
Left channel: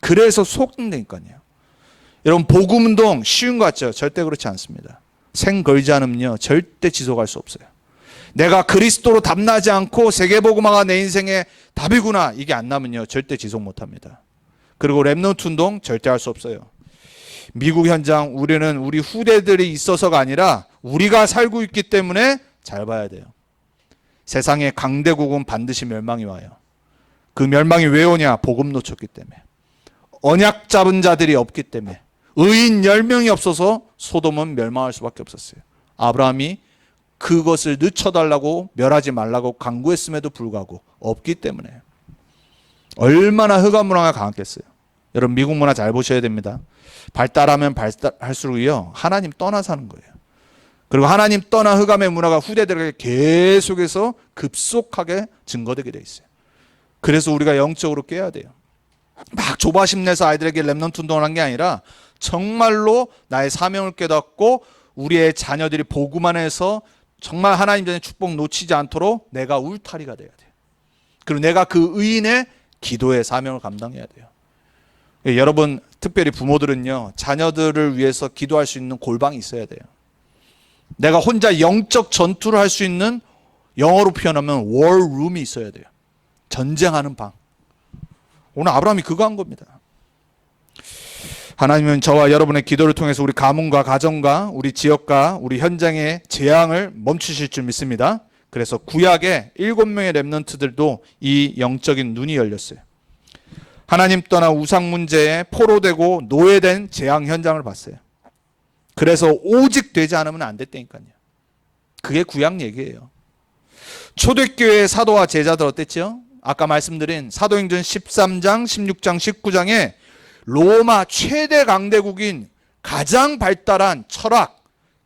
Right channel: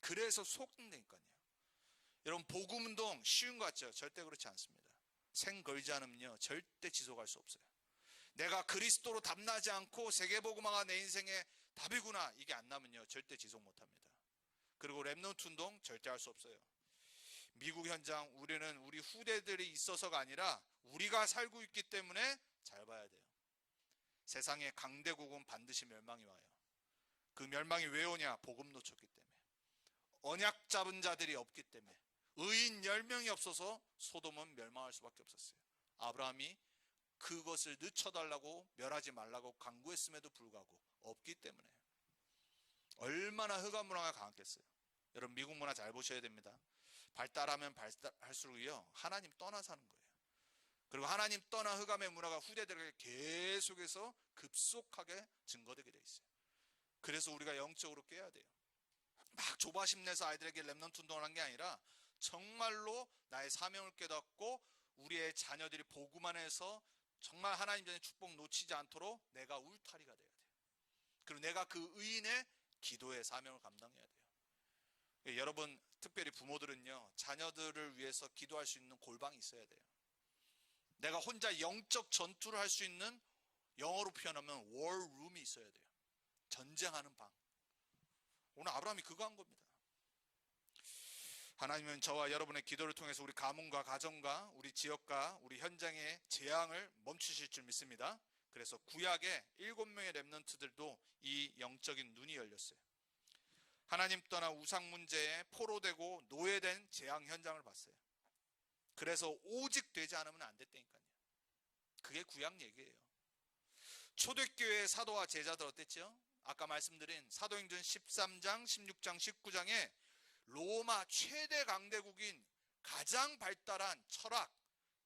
그래서 속는다니까요. 여러분, 복음운동 쉬운 거 같죠? 절대 그렇지 않습니다. 생 걸지 않으면요 절대 지속할 수 없어요. 내가 그리스도로 답나지 않고 세계복음화가 내 인생의 답이구나, 이게 안 나면요 절대 지속 못합니다. 그리고 렘넌트 운동 절대 할 수 없어요. 미국 현장, 우리는 우리 후대들이 있어서가 아니라 우리가 살고 있기 때문에 잘 봐야 돼요. 세상의 강대국은 반드시 멸망이 와요. 그 멸망이 왜 오냐? 복음 놓쳤기 때문에. 언약 잡은 자들이 없기 때문에. 의인 10명이 없어서 소돔은 멸망할 수밖에 없었어요. 아브라함이 그것을 늦춰달라고, 멸하지 말라고 강구했음에도 불구하고 없기 때문에. 얼마나 흑암 문화가 강했겠어요. 여러분, 미국 문화 잘 보셔야 됩니다. 발달하면 발달할수록요 하나님 떠나 사는 거예요. 그리고 하나님 떠나 흑암의 문화가 후대들에게 계속해서 급속하게 증거되게 돼 있어요. 그래서 우리가 영적으로 깨야 돼요. 막 조바심 내서 아이들에게 렘넌트 운동을 한 게 아니라 정말로 나의 사명을 깨닫고 우리의 자녀들이 복음 안에서 정말 하나님 전에 축복 놓치지 않도록 내가 울타리가 돼야 돼요. 그리고 내가 그 의인의 기도의 사명을 감당해야 돼요. 여러분, 특별히 부모들은요 자녀들을 위해서 기도할 수 있는 골방이 있어야 돼요. 내가 혼자 영적 전투를 할 수 있는, 영어로 표현하면 월룸이 있어야 돼요. 전쟁하는 방. 오늘 아브라함이 그거 한 겁니다. 하나님은 저와 여러분의 기도를 통해서 우리 가문과 가정과 우리 지역과 우리 현장의 재앙을 멈추실 줄 믿습니다. 그래서 구약의 7명의 렘넌트들도 이 영적인 눈이 열렸어요. 하나님 떠나 우상 문제에 포로되고 노예된 재앙 현장을 봤어요. 그래서 오직 되지 않으면 안 됐다니까요. 그게 구약 얘기예요. 초대교회의 사도와 제자들 어땠죠? 아까 말씀드린 사도행전 13장, 16장, 19장에 로마 최대 강대국인 가장 발달한 철학,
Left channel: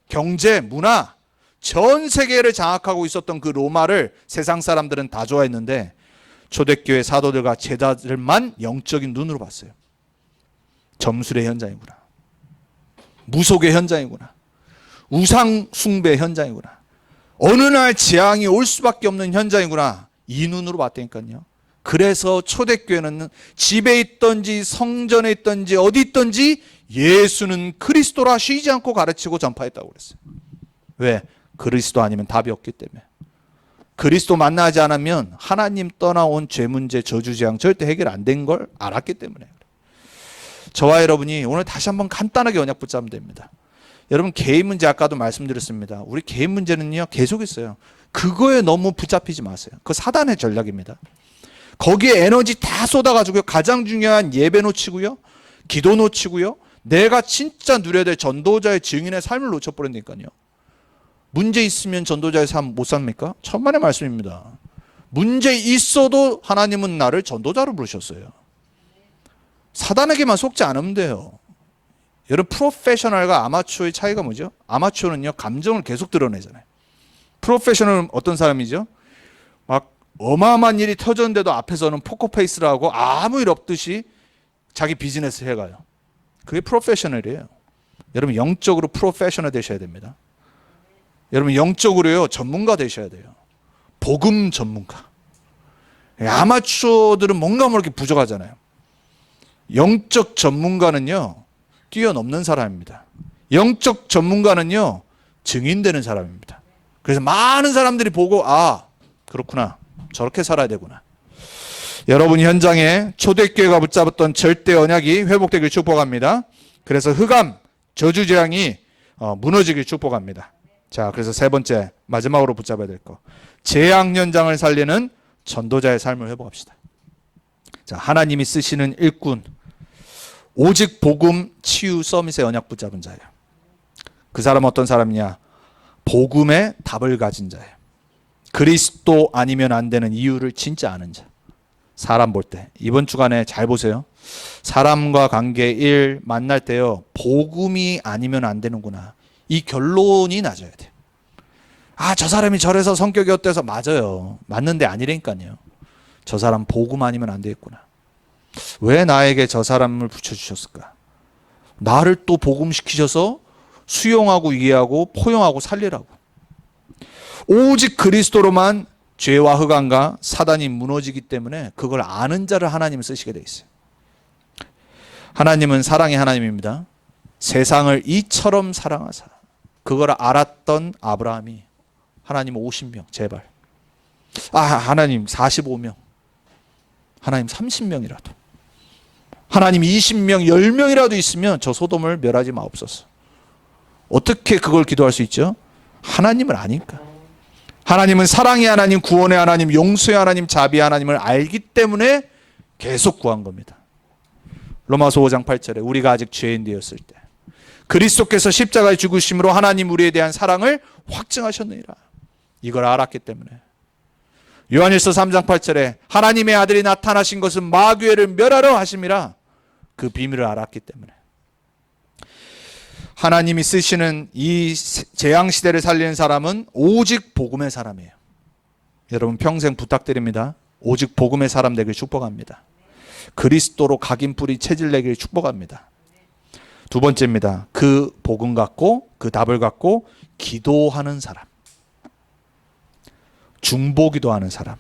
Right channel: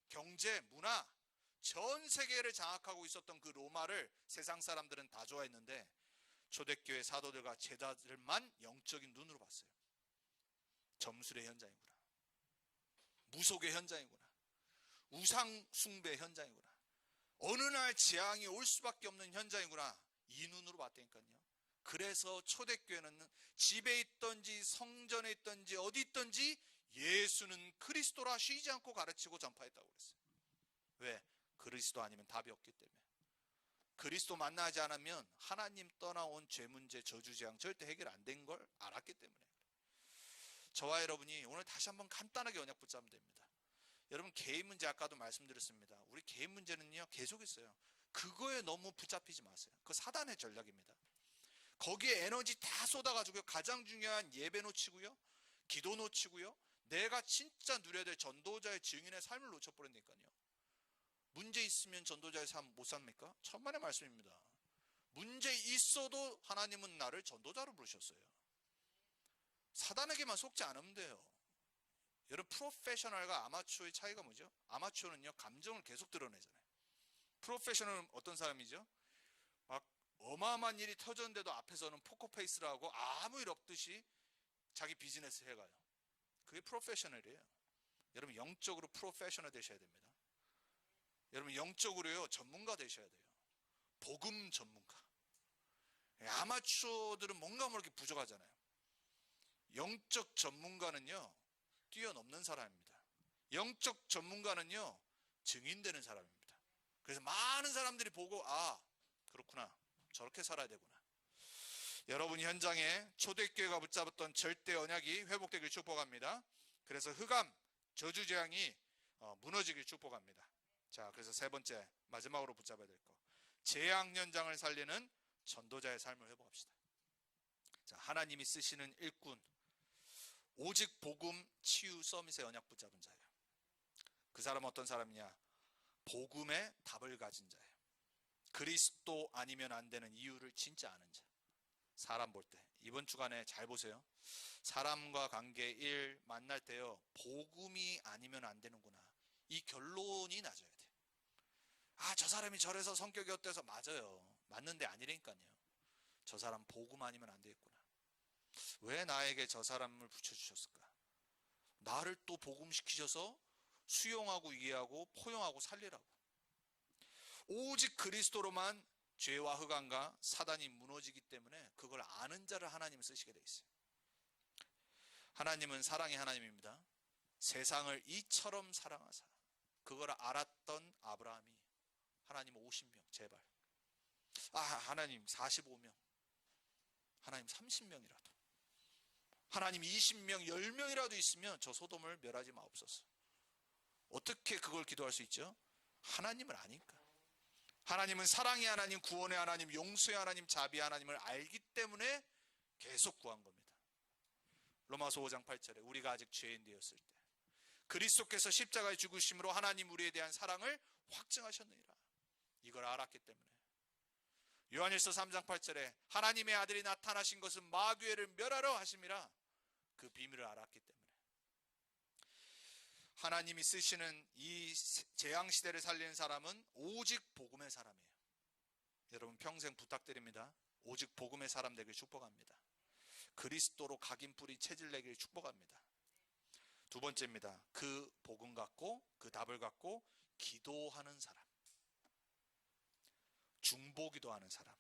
경제, 문화, 전 세계를 장악하고 있었던 그 로마를 세상 사람들은 다 좋아했는데 초대교회 사도들과 제자들만 영적인 눈으로 봤어요. 점술의 현장이구나. 무속의 현장이구나. 우상 숭배 현장이구나. 어느 날 재앙이 올 수밖에 없는 현장이구나. 이 눈으로 봤다니까요. 그래서 초대교회는 집에 있든지 성전에 있든지 어디 있든지 예수는 그리스도라 쉬지 않고 가르치고 전파했다고 그랬어요. 왜? 그리스도 아니면 답이 없기 때문에. 그리스도 만나지 않으면 하나님 떠나온 죄 문제, 저주 재앙 절대 해결 안 된 걸 알았기 때문에. 저와 여러분이 오늘 다시 한번 간단하게 언약 붙잡으면 됩니다. 여러분, 개인 문제 아까도 말씀드렸습니다. 우리 개인 문제는요 계속 있어요. 그거에 너무 붙잡히지 마세요. 그거 사단의 전략입니다. 거기에 에너지 다 쏟아가지고요 가장 중요한 예배 놓치고요, 기도 놓치고요, 내가 진짜 누려야 될 전도자의 증인의 삶을 놓쳐버린다니까요. 문제 있으면 전도자의 삶 못 삽니까? 천만의 말씀입니다. 문제 있어도 하나님은 나를 전도자로 부르셨어요. 사단에게만 속지 않으면 돼요. 여러분, 프로페셔널과 아마추어의 차이가 뭐죠? 아마추어는요 감정을 계속 드러내잖아요. 프로페셔널은 어떤 사람이죠? 막 어마어마한 일이 터졌는데도 앞에서는 포커페이스를 하고 아무 일 없듯이 자기 비즈니스를 해가요. 그게 프로페셔널이에요. 여러분, 영적으로 프로페셔널 되셔야 됩니다. 여러분, 영적으로요 전문가 되셔야 돼요. 복음 전문가. 아마추어들은 뭔가 모르게 부족하잖아요. 영적 전문가는요 뛰어넘는 사람입니다. 영적 전문가는요 증인되는 사람입니다. 그래서 많은 사람들이 보고 아 그렇구나, 저렇게 살아야 되구나. 여러분 현장에 초대교회가 붙잡았던 절대 언약이 회복되길 축복합니다. 그래서 흑암 저주재앙이 무너지길 축복합니다. 자, 그래서 세 번째 마지막으로 붙잡아야 될 거, 재앙 현장을 살리는 전도자의 삶을 회복합시다. 자, 하나님이 쓰시는 일꾼, 오직 복음 치유 서밋의 언약 붙잡은 자예요. 그 사람은 어떤 사람이냐? 복음의 답을 가진 자예요. 그리스도 아니면 안 되는 이유를 진짜 아는 자. 사람 볼 때 이번 주간에 잘 보세요. 사람과 관계, 일 만날 때요 복음이 아니면 안 되는구나, 이 결론이 낮아야 돼요. 저 사람이 저래서 성격이 어때서. 맞아요. 맞는데 아니라니까요. 저 사람 복음 아니면 안 되겠구나. 왜 나에게 저 사람을 붙여주셨을까? 나를 또 복음시키셔서 수용하고 이해하고 포용하고 살리라고. 오직 그리스도로만 죄와 흑암과 사단이 무너지기 때문에 그걸 아는 자를 하나님은 쓰시게 돼 있어요. 하나님은 사랑의 하나님입니다. 세상을 이처럼 사랑하사. 그걸 알았던 아브라함이 하나님 50명 제발. 하나님 45명. 하나님 30명이라도. 하나님 20명 10명이라도 있으면 저 소돔을 멸하지 마옵소서. 어떻게 그걸 기도할 수 있죠? 하나님을 아니까. 하나님은 사랑의 하나님, 구원의 하나님, 용서의 하나님, 자비의 하나님을 알기 때문에 계속 구한 겁니다. 로마서 5장 8절에 우리가 아직 죄인 되었을 때 그리스도께서 십자가에 죽으심으로 하나님 우리에 대한 사랑을 확증하셨느니라. 이걸 알았기 때문에. 요한일서 3장 8절에 하나님의 아들이 나타나신 것은 마귀를 멸하러 하심이라. 그 비밀을 알았기 때문에. 하나님이 쓰시는 이 재앙시대를 살리는 사람은 오직 복음의 사람이에요. 여러분 평생 부탁드립니다. 오직 복음의 사람 되길 축복합니다. 그리스도로 각인 뿌리 체질 내길 축복합니다. 두 번째입니다. 그 복음 갖고 그 답을 갖고 기도하는 사람. 중보기도하는 사람.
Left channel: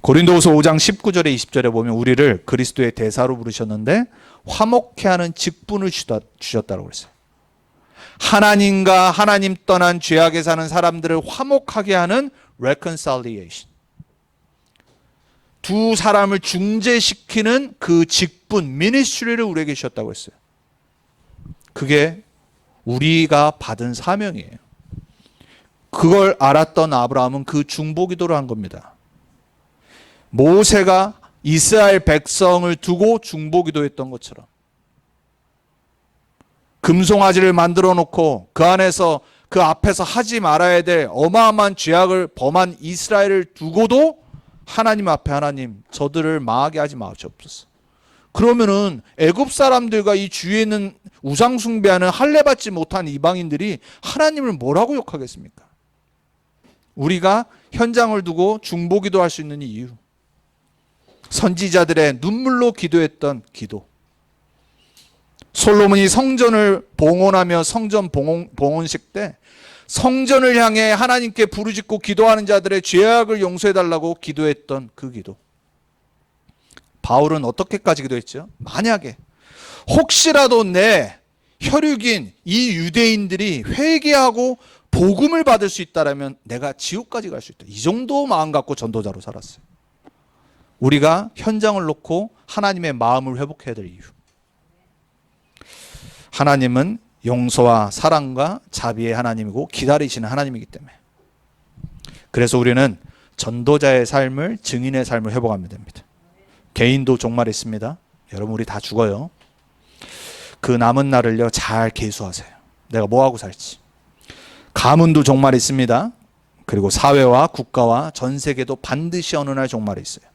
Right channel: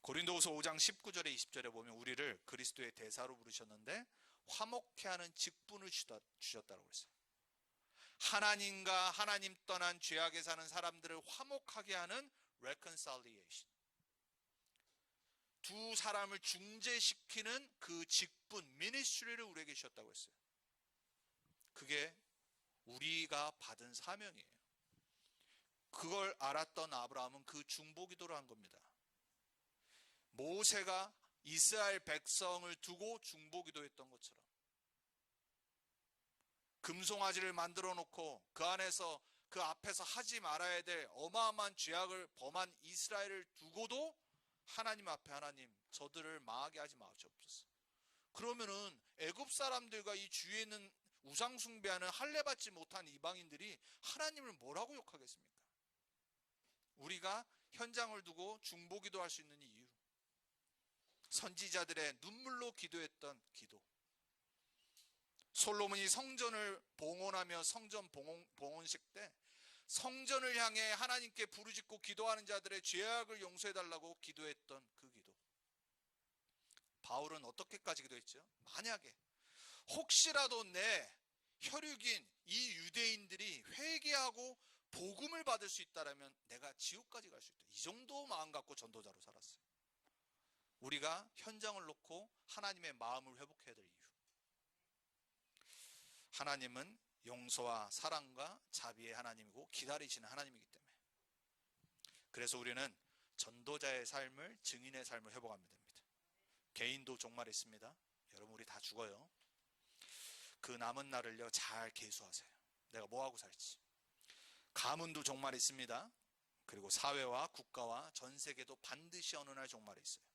고린도후서 5장 19절에 20절에 보면 우리를 그리스도의 대사로 부르셨는데 화목케 하는 직분을 주셨다고 그랬어요. 하나님과 하나님 떠난 죄악에 사는 사람들을 화목하게 하는 reconciliation. 두 사람을 중재시키는 그 직분, 미니스트리를 우리에게 주셨다고 했어요. 그게 우리가 받은 사명이에요. 그걸 알았던 아브라함은 그 중보기도를 한 겁니다. 모세가 이스라엘 백성을 두고 중보기도했던 것처럼 금송아지를 만들어 놓고 그 안에서 그 앞에서 하지 말아야 될 어마어마한 죄악을 범한 이스라엘을 두고도 하나님 앞에 하나님 저들을 망하게 하지 마옵소서. 그러면은 애굽 사람들과 이 주위에 있는 우상 숭배하는 할례 받지 못한 이방인들이 하나님을 뭐라고 욕하겠습니까? 우리가 현장을 두고 중보기도할 수 있는 이유. 선지자들의 눈물로 기도했던 기도. 솔로몬이 성전을 봉헌하며 성전 봉헌식 때 성전을 향해 하나님께 부르짖고 기도하는 자들의 죄악을 용서해달라고 기도했던 그 기도. 바울은 어떻게까지 기도했죠? 만약에 혹시라도 내 혈육인 이 유대인들이 회개하고 복음을 받을 수 있다면 내가 지옥까지 갈 수 있다. 이 정도 마음 갖고 전도자로 살았어요. 우리가 현장을 놓고 하나님의 마음을 회복해야 될 이유. 하나님은 용서와 사랑과 자비의 하나님이고 기다리시는 하나님이기 때문에. 그래서 우리는 전도자의 삶을, 증인의 삶을 회복하면 됩니다. 개인도 종말 있습니다. 여러분 우리 다 죽어요. 그 남은 날을요 잘 계수하세요. 내가 뭐하고 살지. 가문도 종말 있습니다. 그리고 사회와 국가와 전 세계도 반드시 어느 날 종말이 있어요.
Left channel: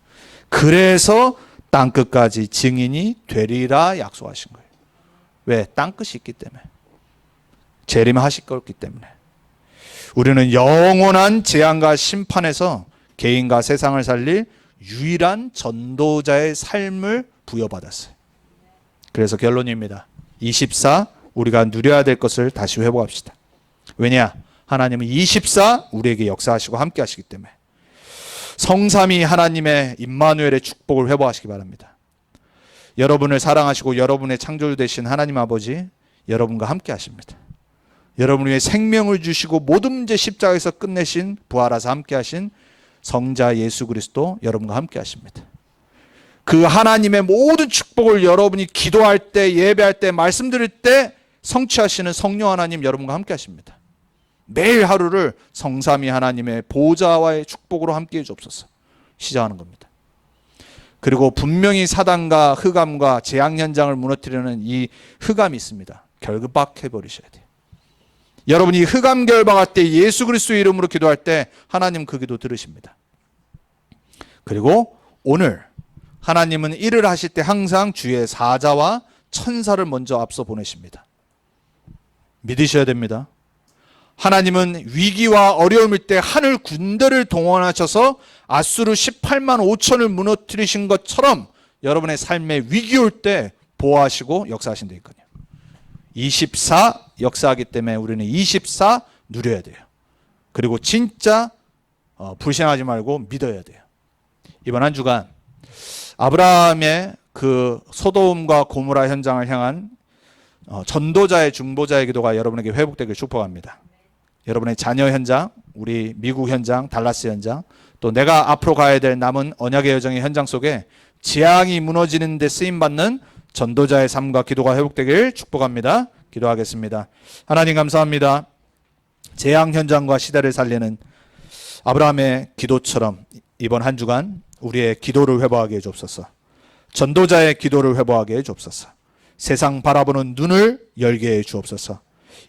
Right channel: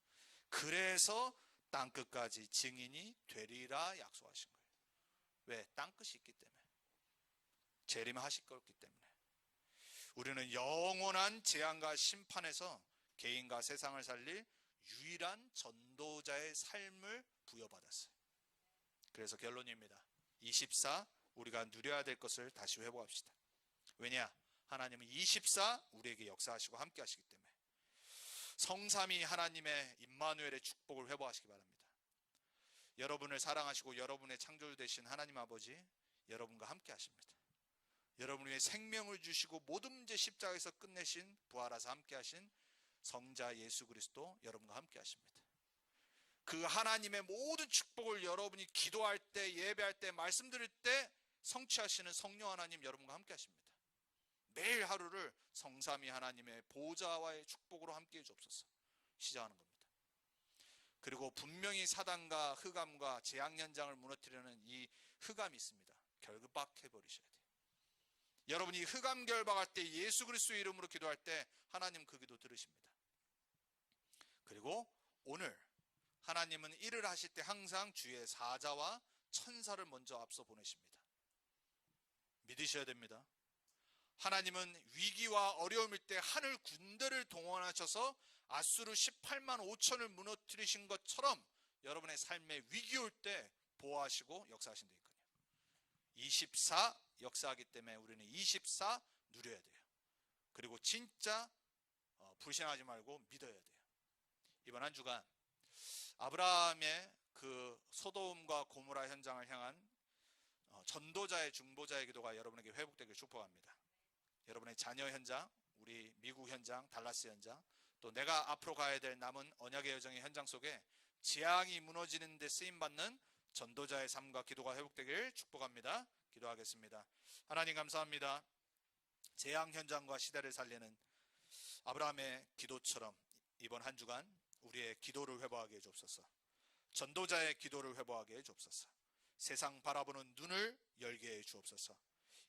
그래서 땅끝까지 증인이 되리라 약속하신 거예요. 왜? 땅끝이 있기 때문에. 재림하실 거기 때문에. 우리는 영원한 재앙과 심판에서 개인과 세상을 살릴 유일한 전도자의 삶을 부여받았어요. 그래서 결론입니다. 24 우리가 누려야 될 것을 다시 회복합시다. 왜냐? 하나님은 24 우리에게 역사하시고 함께 하시기 때문에. 성삼위 하나님의 임마누엘의 축복을 회복하시기 바랍니다. 여러분을 사랑하시고 여러분의 창조주 되신 하나님 아버지 여러분과 함께 하십니다. 여러분 위해 생명을 주시고 모든 문제 십자가에서 끝내신 부활하사 함께 하신 성자 예수 그리스도 여러분과 함께 하십니다. 그 하나님의 모든 축복을 여러분이 기도할 때, 예배할 때, 말씀드릴 때 성취하시는 성령 하나님 여러분과 함께 하십니다. 매일 하루를 성삼위 하나님의 보좌와의 축복으로 함께 해주옵소서. 시작하는 겁니다. 그리고 분명히 사단과 흑암과 재앙 현장을 무너뜨리는 이 흑암이 있습니다. 결박해버리셔야 돼요. 여러분이 흑암 결박할 때 예수 그리스도의 이름으로 기도할 때 하나님 그 기도 들으십니다. 그리고 오늘 하나님은 일을 하실 때 항상 주의 사자와 천사를 먼저 앞서 보내십니다. 믿으셔야 됩니다. 하나님은 위기와 어려움일 때 하늘 군대를 동원하셔서 아수르 18만 5천을 무너뜨리신 것처럼 여러분의 삶에 위기 올 때 보호하시고 역사하신다 있거든요. 24 역사하기 때문에 우리는 24 누려야 돼요. 그리고 진짜 불신하지 말고 믿어야 돼요. 이번 한 주간 아브라함의 그 소돔과 고모라 현장을 향한 전도자의 중보자의 기도가 여러분에게 회복되길 축복합니다. 여러분의 자녀 현장, 우리 미국 현장, 달라스 현장, 또 내가 앞으로 가야 될 남은 언약의 여정의 현장 속에 재앙이 무너지는 데 쓰임받는 전도자의 삶과 기도가 회복되길 축복합니다. 기도하겠습니다. 하나님 감사합니다. 재앙 현장과 시대를 살리는 아브라함의 기도처럼 이번 한 주간 우리의 기도를 회복하게 해주옵소서. 전도자의 기도를 회복하게 해주옵소서. 세상 바라보는 눈을 열게 해주옵소서.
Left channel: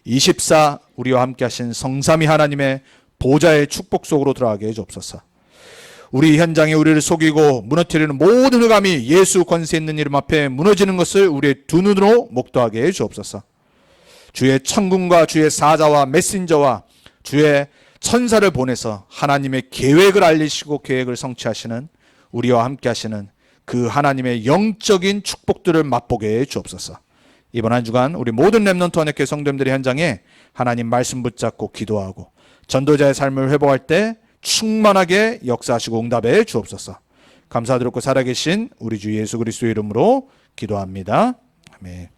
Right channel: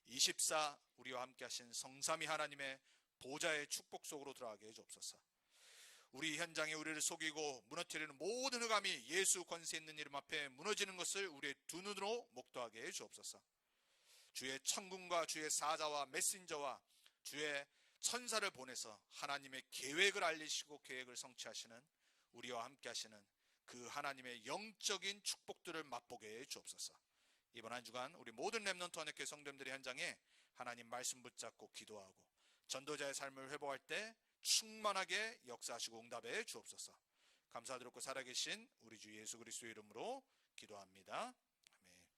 24 우리와 함께 하신 성삼위 하나님의 보좌의 축복 속으로 들어가게 해주옵소서. 우리 현장에 우리를 속이고 무너뜨리는 모든 흑암이 예수 권세 있는 이름 앞에 무너지는 것을 우리의 두 눈으로 목도하게 해주옵소서. 주의 천군과 주의 사자와 메신저와 주의 천사를 보내서 하나님의 계획을 알리시고 계획을 성취하시는 우리와 함께 하시는 그 하나님의 영적인 축복들을 맛보게 해 주옵소서. 이번 한 주간 우리 모든 렘넌트 언약교회 성도님들의 현장에 하나님 말씀 붙잡고 기도하고 전도자의 삶을 회복할 때 충만하게 역사하시고 응답해 주옵소서. 감사드리고 살아계신 우리 주 예수 그리스도의 이름으로 기도합니다. 아멘.